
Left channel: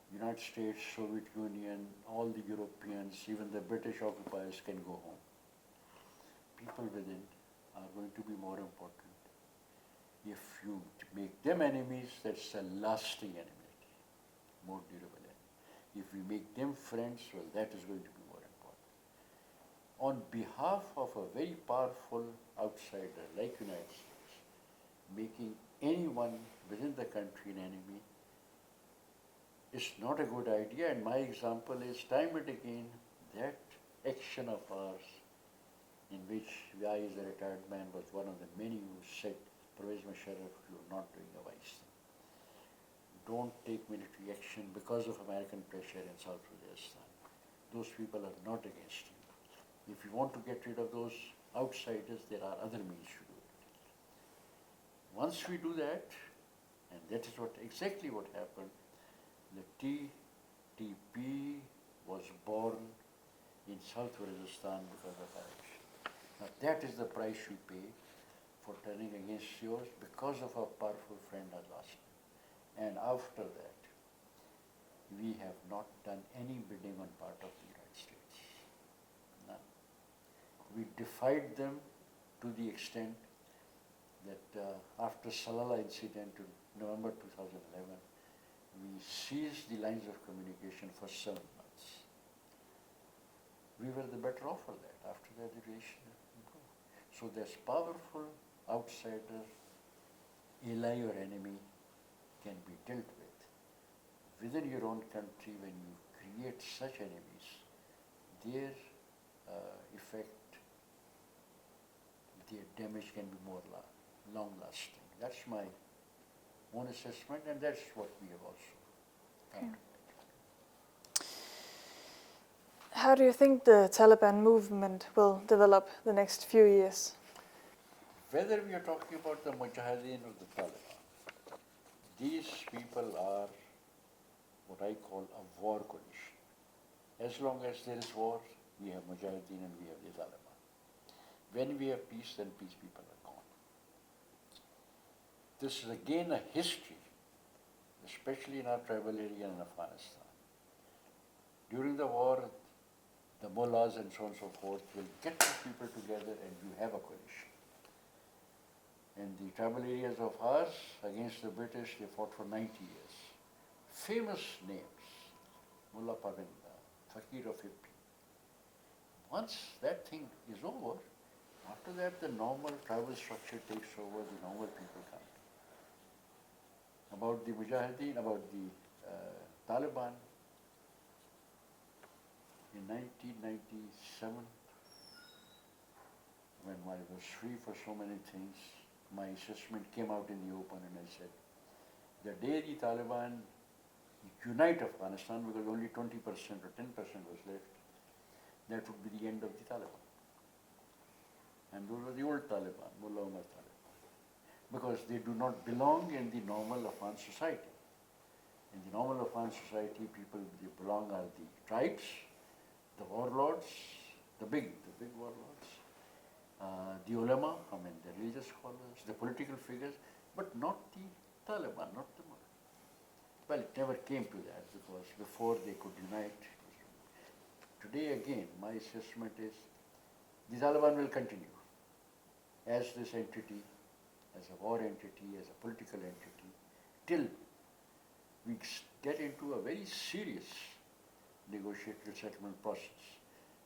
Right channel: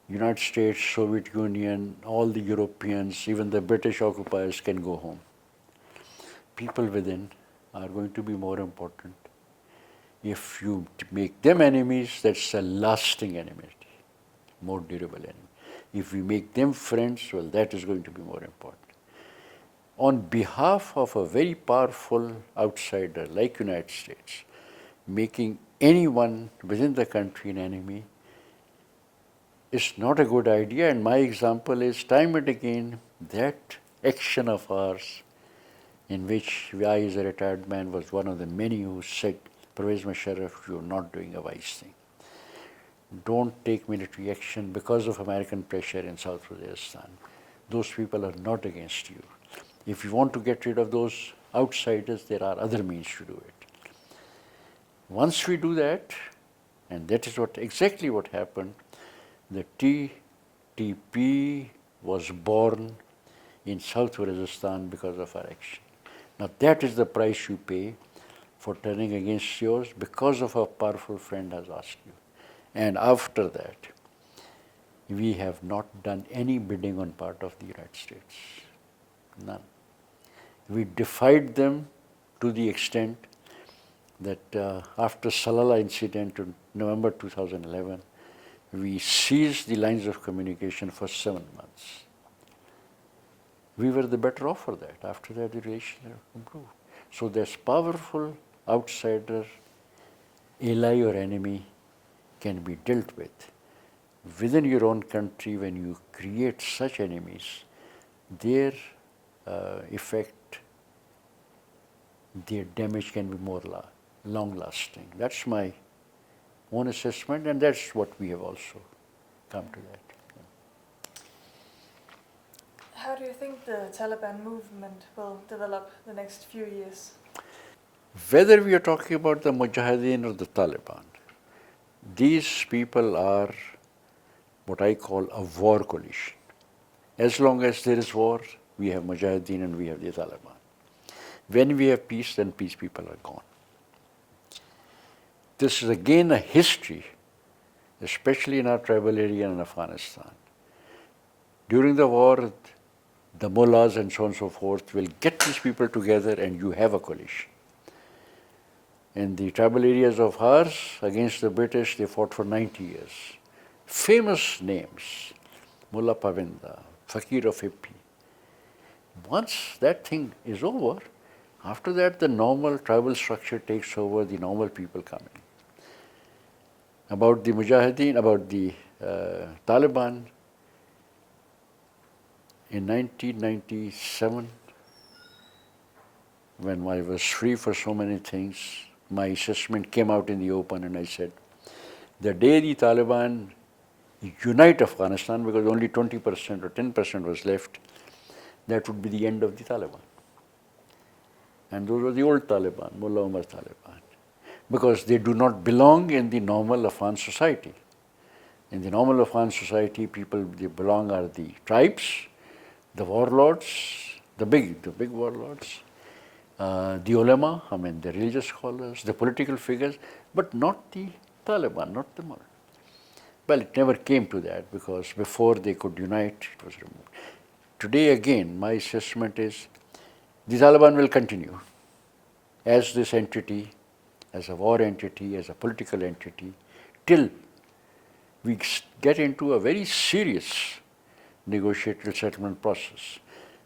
United States, Soviet Union, all the Europeans, even the British occupiers can go home. People within are going to be more important. If you make them enemies, that's a lasting enmity, more durable enemy. If we make them friends, well, that is going to be more important. On behalf of a very powerful outsider like United States, making anyone within the country an enemy is not a good idea. And my example is time and again that action of ours in which I, as a retired man, was one of the many who said, Pervez Musharraf, you're not doing a wise thing. Don't take military action because of American pressure in South Waziristan. Those people are not against you. If you want to get rid of those outsiders, there are other means to do it. Once we do that, and that is exactly what happened, the TTP was born in South Waziristan because of our action. Now that is the price you pay for turning against yours because of a powerful friend has asked you. And after that, we have not done any bidding on part of the United States. None. We defied them to the extent that after Salalah incident in November 2011, we seized the lines of communication for 7 months. We were the better off for that. After that, the relations improved. So this powerful outsider, ally or enemy, can be dealt with. Within your own country, when you create such enemies, their effect, their damage can be more long-lasting. That's my own assessment, and that's what we have also come to that. How do you think the Taliban movement will develop the next few years? Whether we are talking about the Mujahideen or the Taliban, these people are what I call a war coalition. As long as there is war, we have Mujahideen and we have the Taliban. When we have peace, then peace people are gone. This is again a history, especially in our tribal area in Afghanistan. During the war, the mullahs and so on and so forth will get these people together and you have a coalition. In the tribal areas of ours, against the British, they fought for 90 years. Famous names, Mullah Pavinda, Fakir of Hippi. Once that thing is over, after that the normal tribal structure takes over, the normal people come in. About the Mujahideen, about the Taliban, in 1997, when I was free for so many things, my assessment came out in the open and I said, the day the Taliban unite Afghanistan, because only 20% or 10% was left, that would be the end of the Taliban. And those were the old Taliban, Mullah Omar Taliban, because they do not belong in the normal Afghan society. In the normal Afghan society, people they belong are the tribes, the warlords, the big warlords, the ulama, I mean the religious scholars, the political figures, but not the Taliban, not the mullah. Well, it never came to that because before they could unite, it was removed. Today, again, my assessment is the Taliban will continue as this entity, as a war entity, as a political entity, till we get into a very serious negotiated settlement process.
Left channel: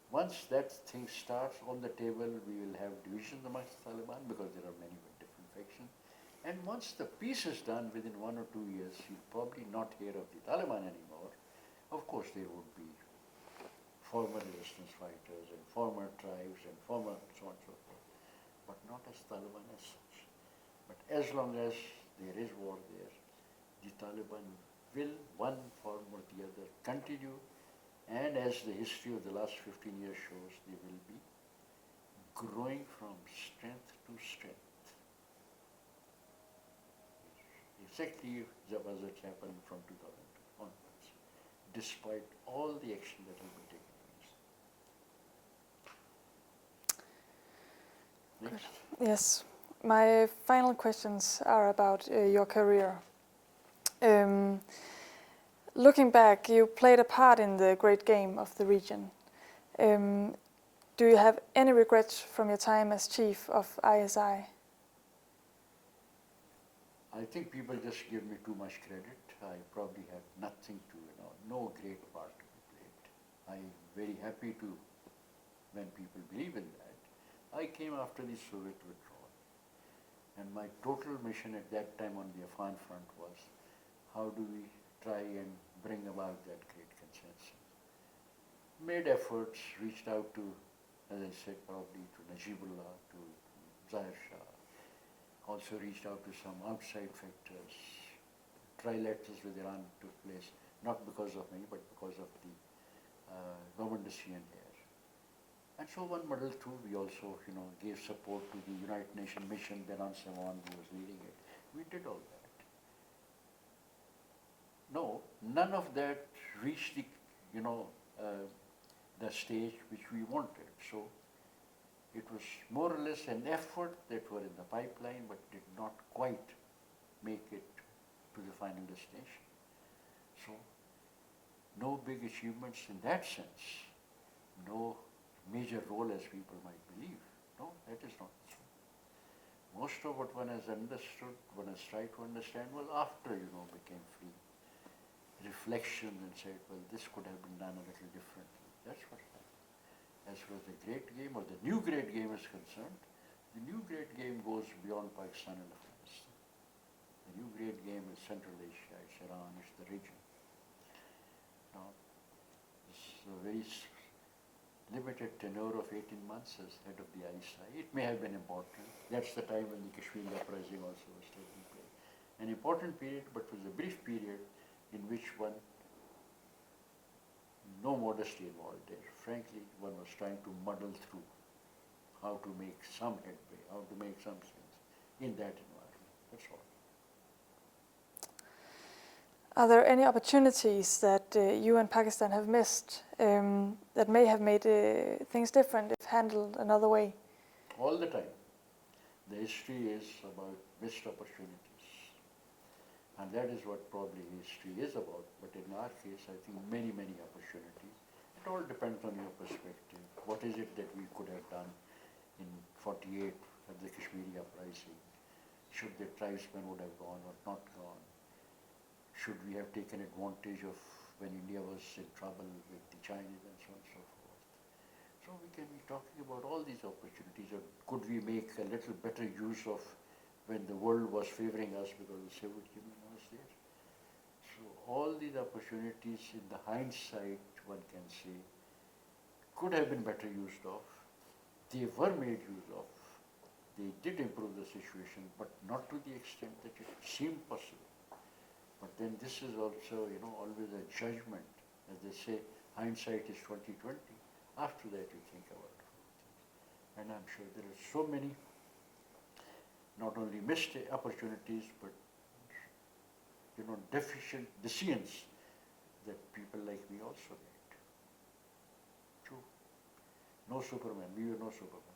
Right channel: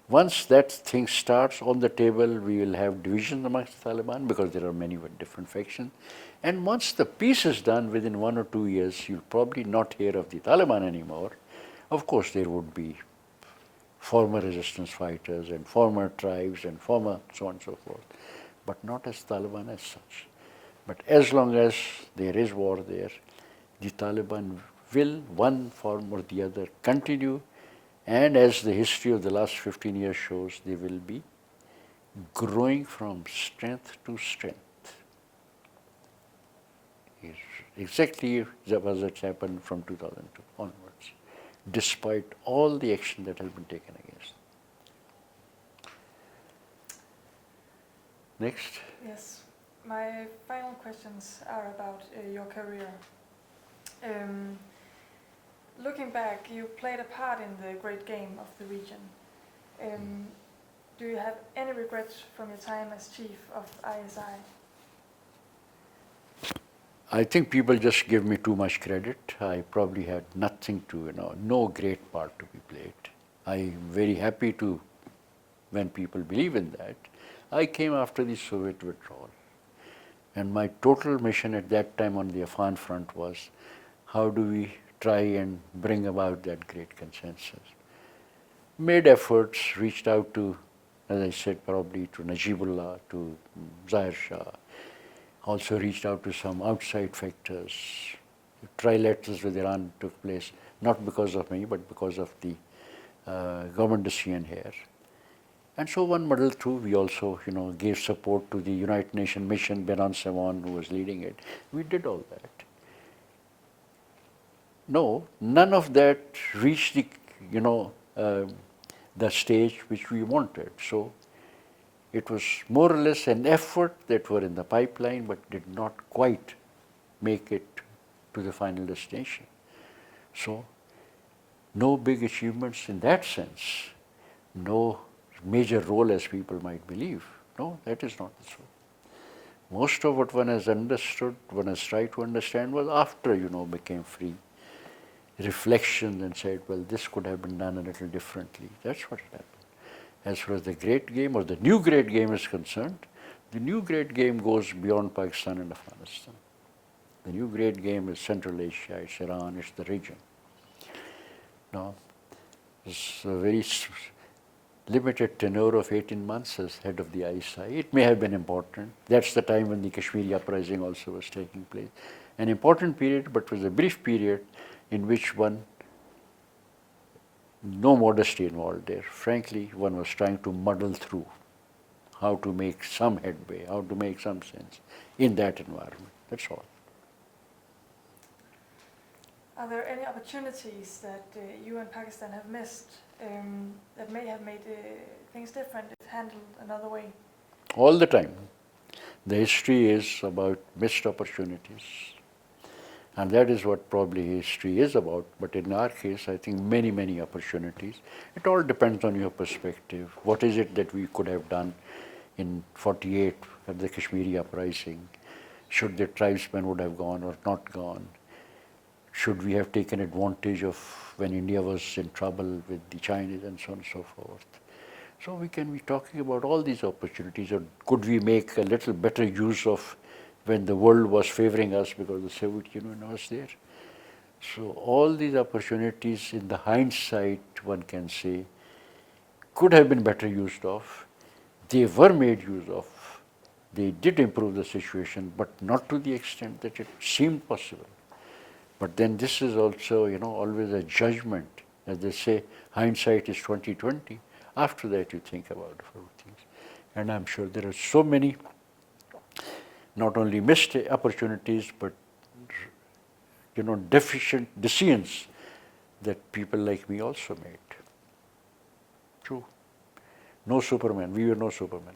Once that thing starts on the table, we will have division amongst the Taliban because there are many different factions. And once the peace is done, within 1 or 2 years, you'll probably not hear of the Taliban anymore. Of course, there would be former resistance fighters and former tribes and former so on and so forth, but not as Taliban as such. But as long as there is war there, the Taliban will, one form or the other, continue, and as the history of the last 15 years shows, they will be growing from strength to strength. Exactly what happened from 2002 onwards, despite all the action that has been taken against them. Next. Yes. My final questions are about your career. Looking back, you played a part in the great game of the region. Do you have any regrets from your time as chief of ISI? I think people just give me too much credit. I probably had nothing to, no great part to be played. I'm very happy to, when people believe in that. I came after the Soviet withdrawal. And my total mission at that time on the Afghan front was, how do we try and bring about that great consensus? Made efforts, reached out to, as I said, probably to Najibullah, to Zahir Shah, also reached out to some outside factors. Trilaterals with Iran took place, not because of me, but because of the government decision here. And so one muddled through. We also, gave support to the United Nations mission, Benan Sawan, who was leading it. We did all that. No, none of that reached the, the stage which we wanted. So it was more or less an effort that were in the pipeline, but did not quite make it to the final destination. So no big achievements in that sense, no major role as people might believe. No, that is not the truth. Most of what one has understood, one has tried to understand was after, became free. Reflections and said, well, this could have been done a little differently. That's what happened. As far as the great game or the new great game is concerned, the new great game goes beyond Pakistan and Afghanistan. The new great game is Central Asia, it's Iran, it's the region. Now, it's a very limited tenure of 18 months as head of the ISI. It may have been important. That's the time when the Kashmiri uprising also was taking place. An important period, but was a brief period in which no modesty involved there. Frankly, one was trying to muddle through how to make some headway, how to make some sense in that environment. That's all. Are there any opportunities that you and Pakistan have missed that may have made things different if handled another way? All the time. The history is about missed opportunities. And that is what probably history is about. But in our case, I think many, many opportunities. It all depends on your perspective. What is it that we could have done in 48 at the Kashmiri uprising? Should the tribesmen would have gone or not gone? Should we have taken advantage of when India was in trouble with the Chinese and so on and so forth? So we can be talking about all these opportunities. Or could we make a little better use of when the world was favoring us because the Soviet Union was there? So all these opportunities in the hindsight, one can say, could have been better used of. They were made use of. They did improve the situation, but not to the extent that it seemed possible. But then this is also, always a judgment. As they say, hindsight is 20/20. After that, you think about a few things. And I'm sure there are so many, not only missed opportunities, but deficient decisions that people like me also made. True. No Superman. We were no Superman.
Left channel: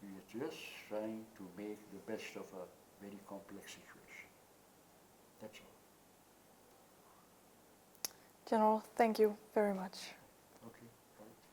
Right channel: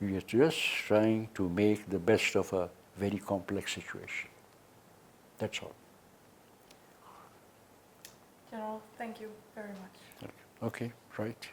We were just trying to make the best of a very complex situation. That's all. General, thank you very much. Okay, right.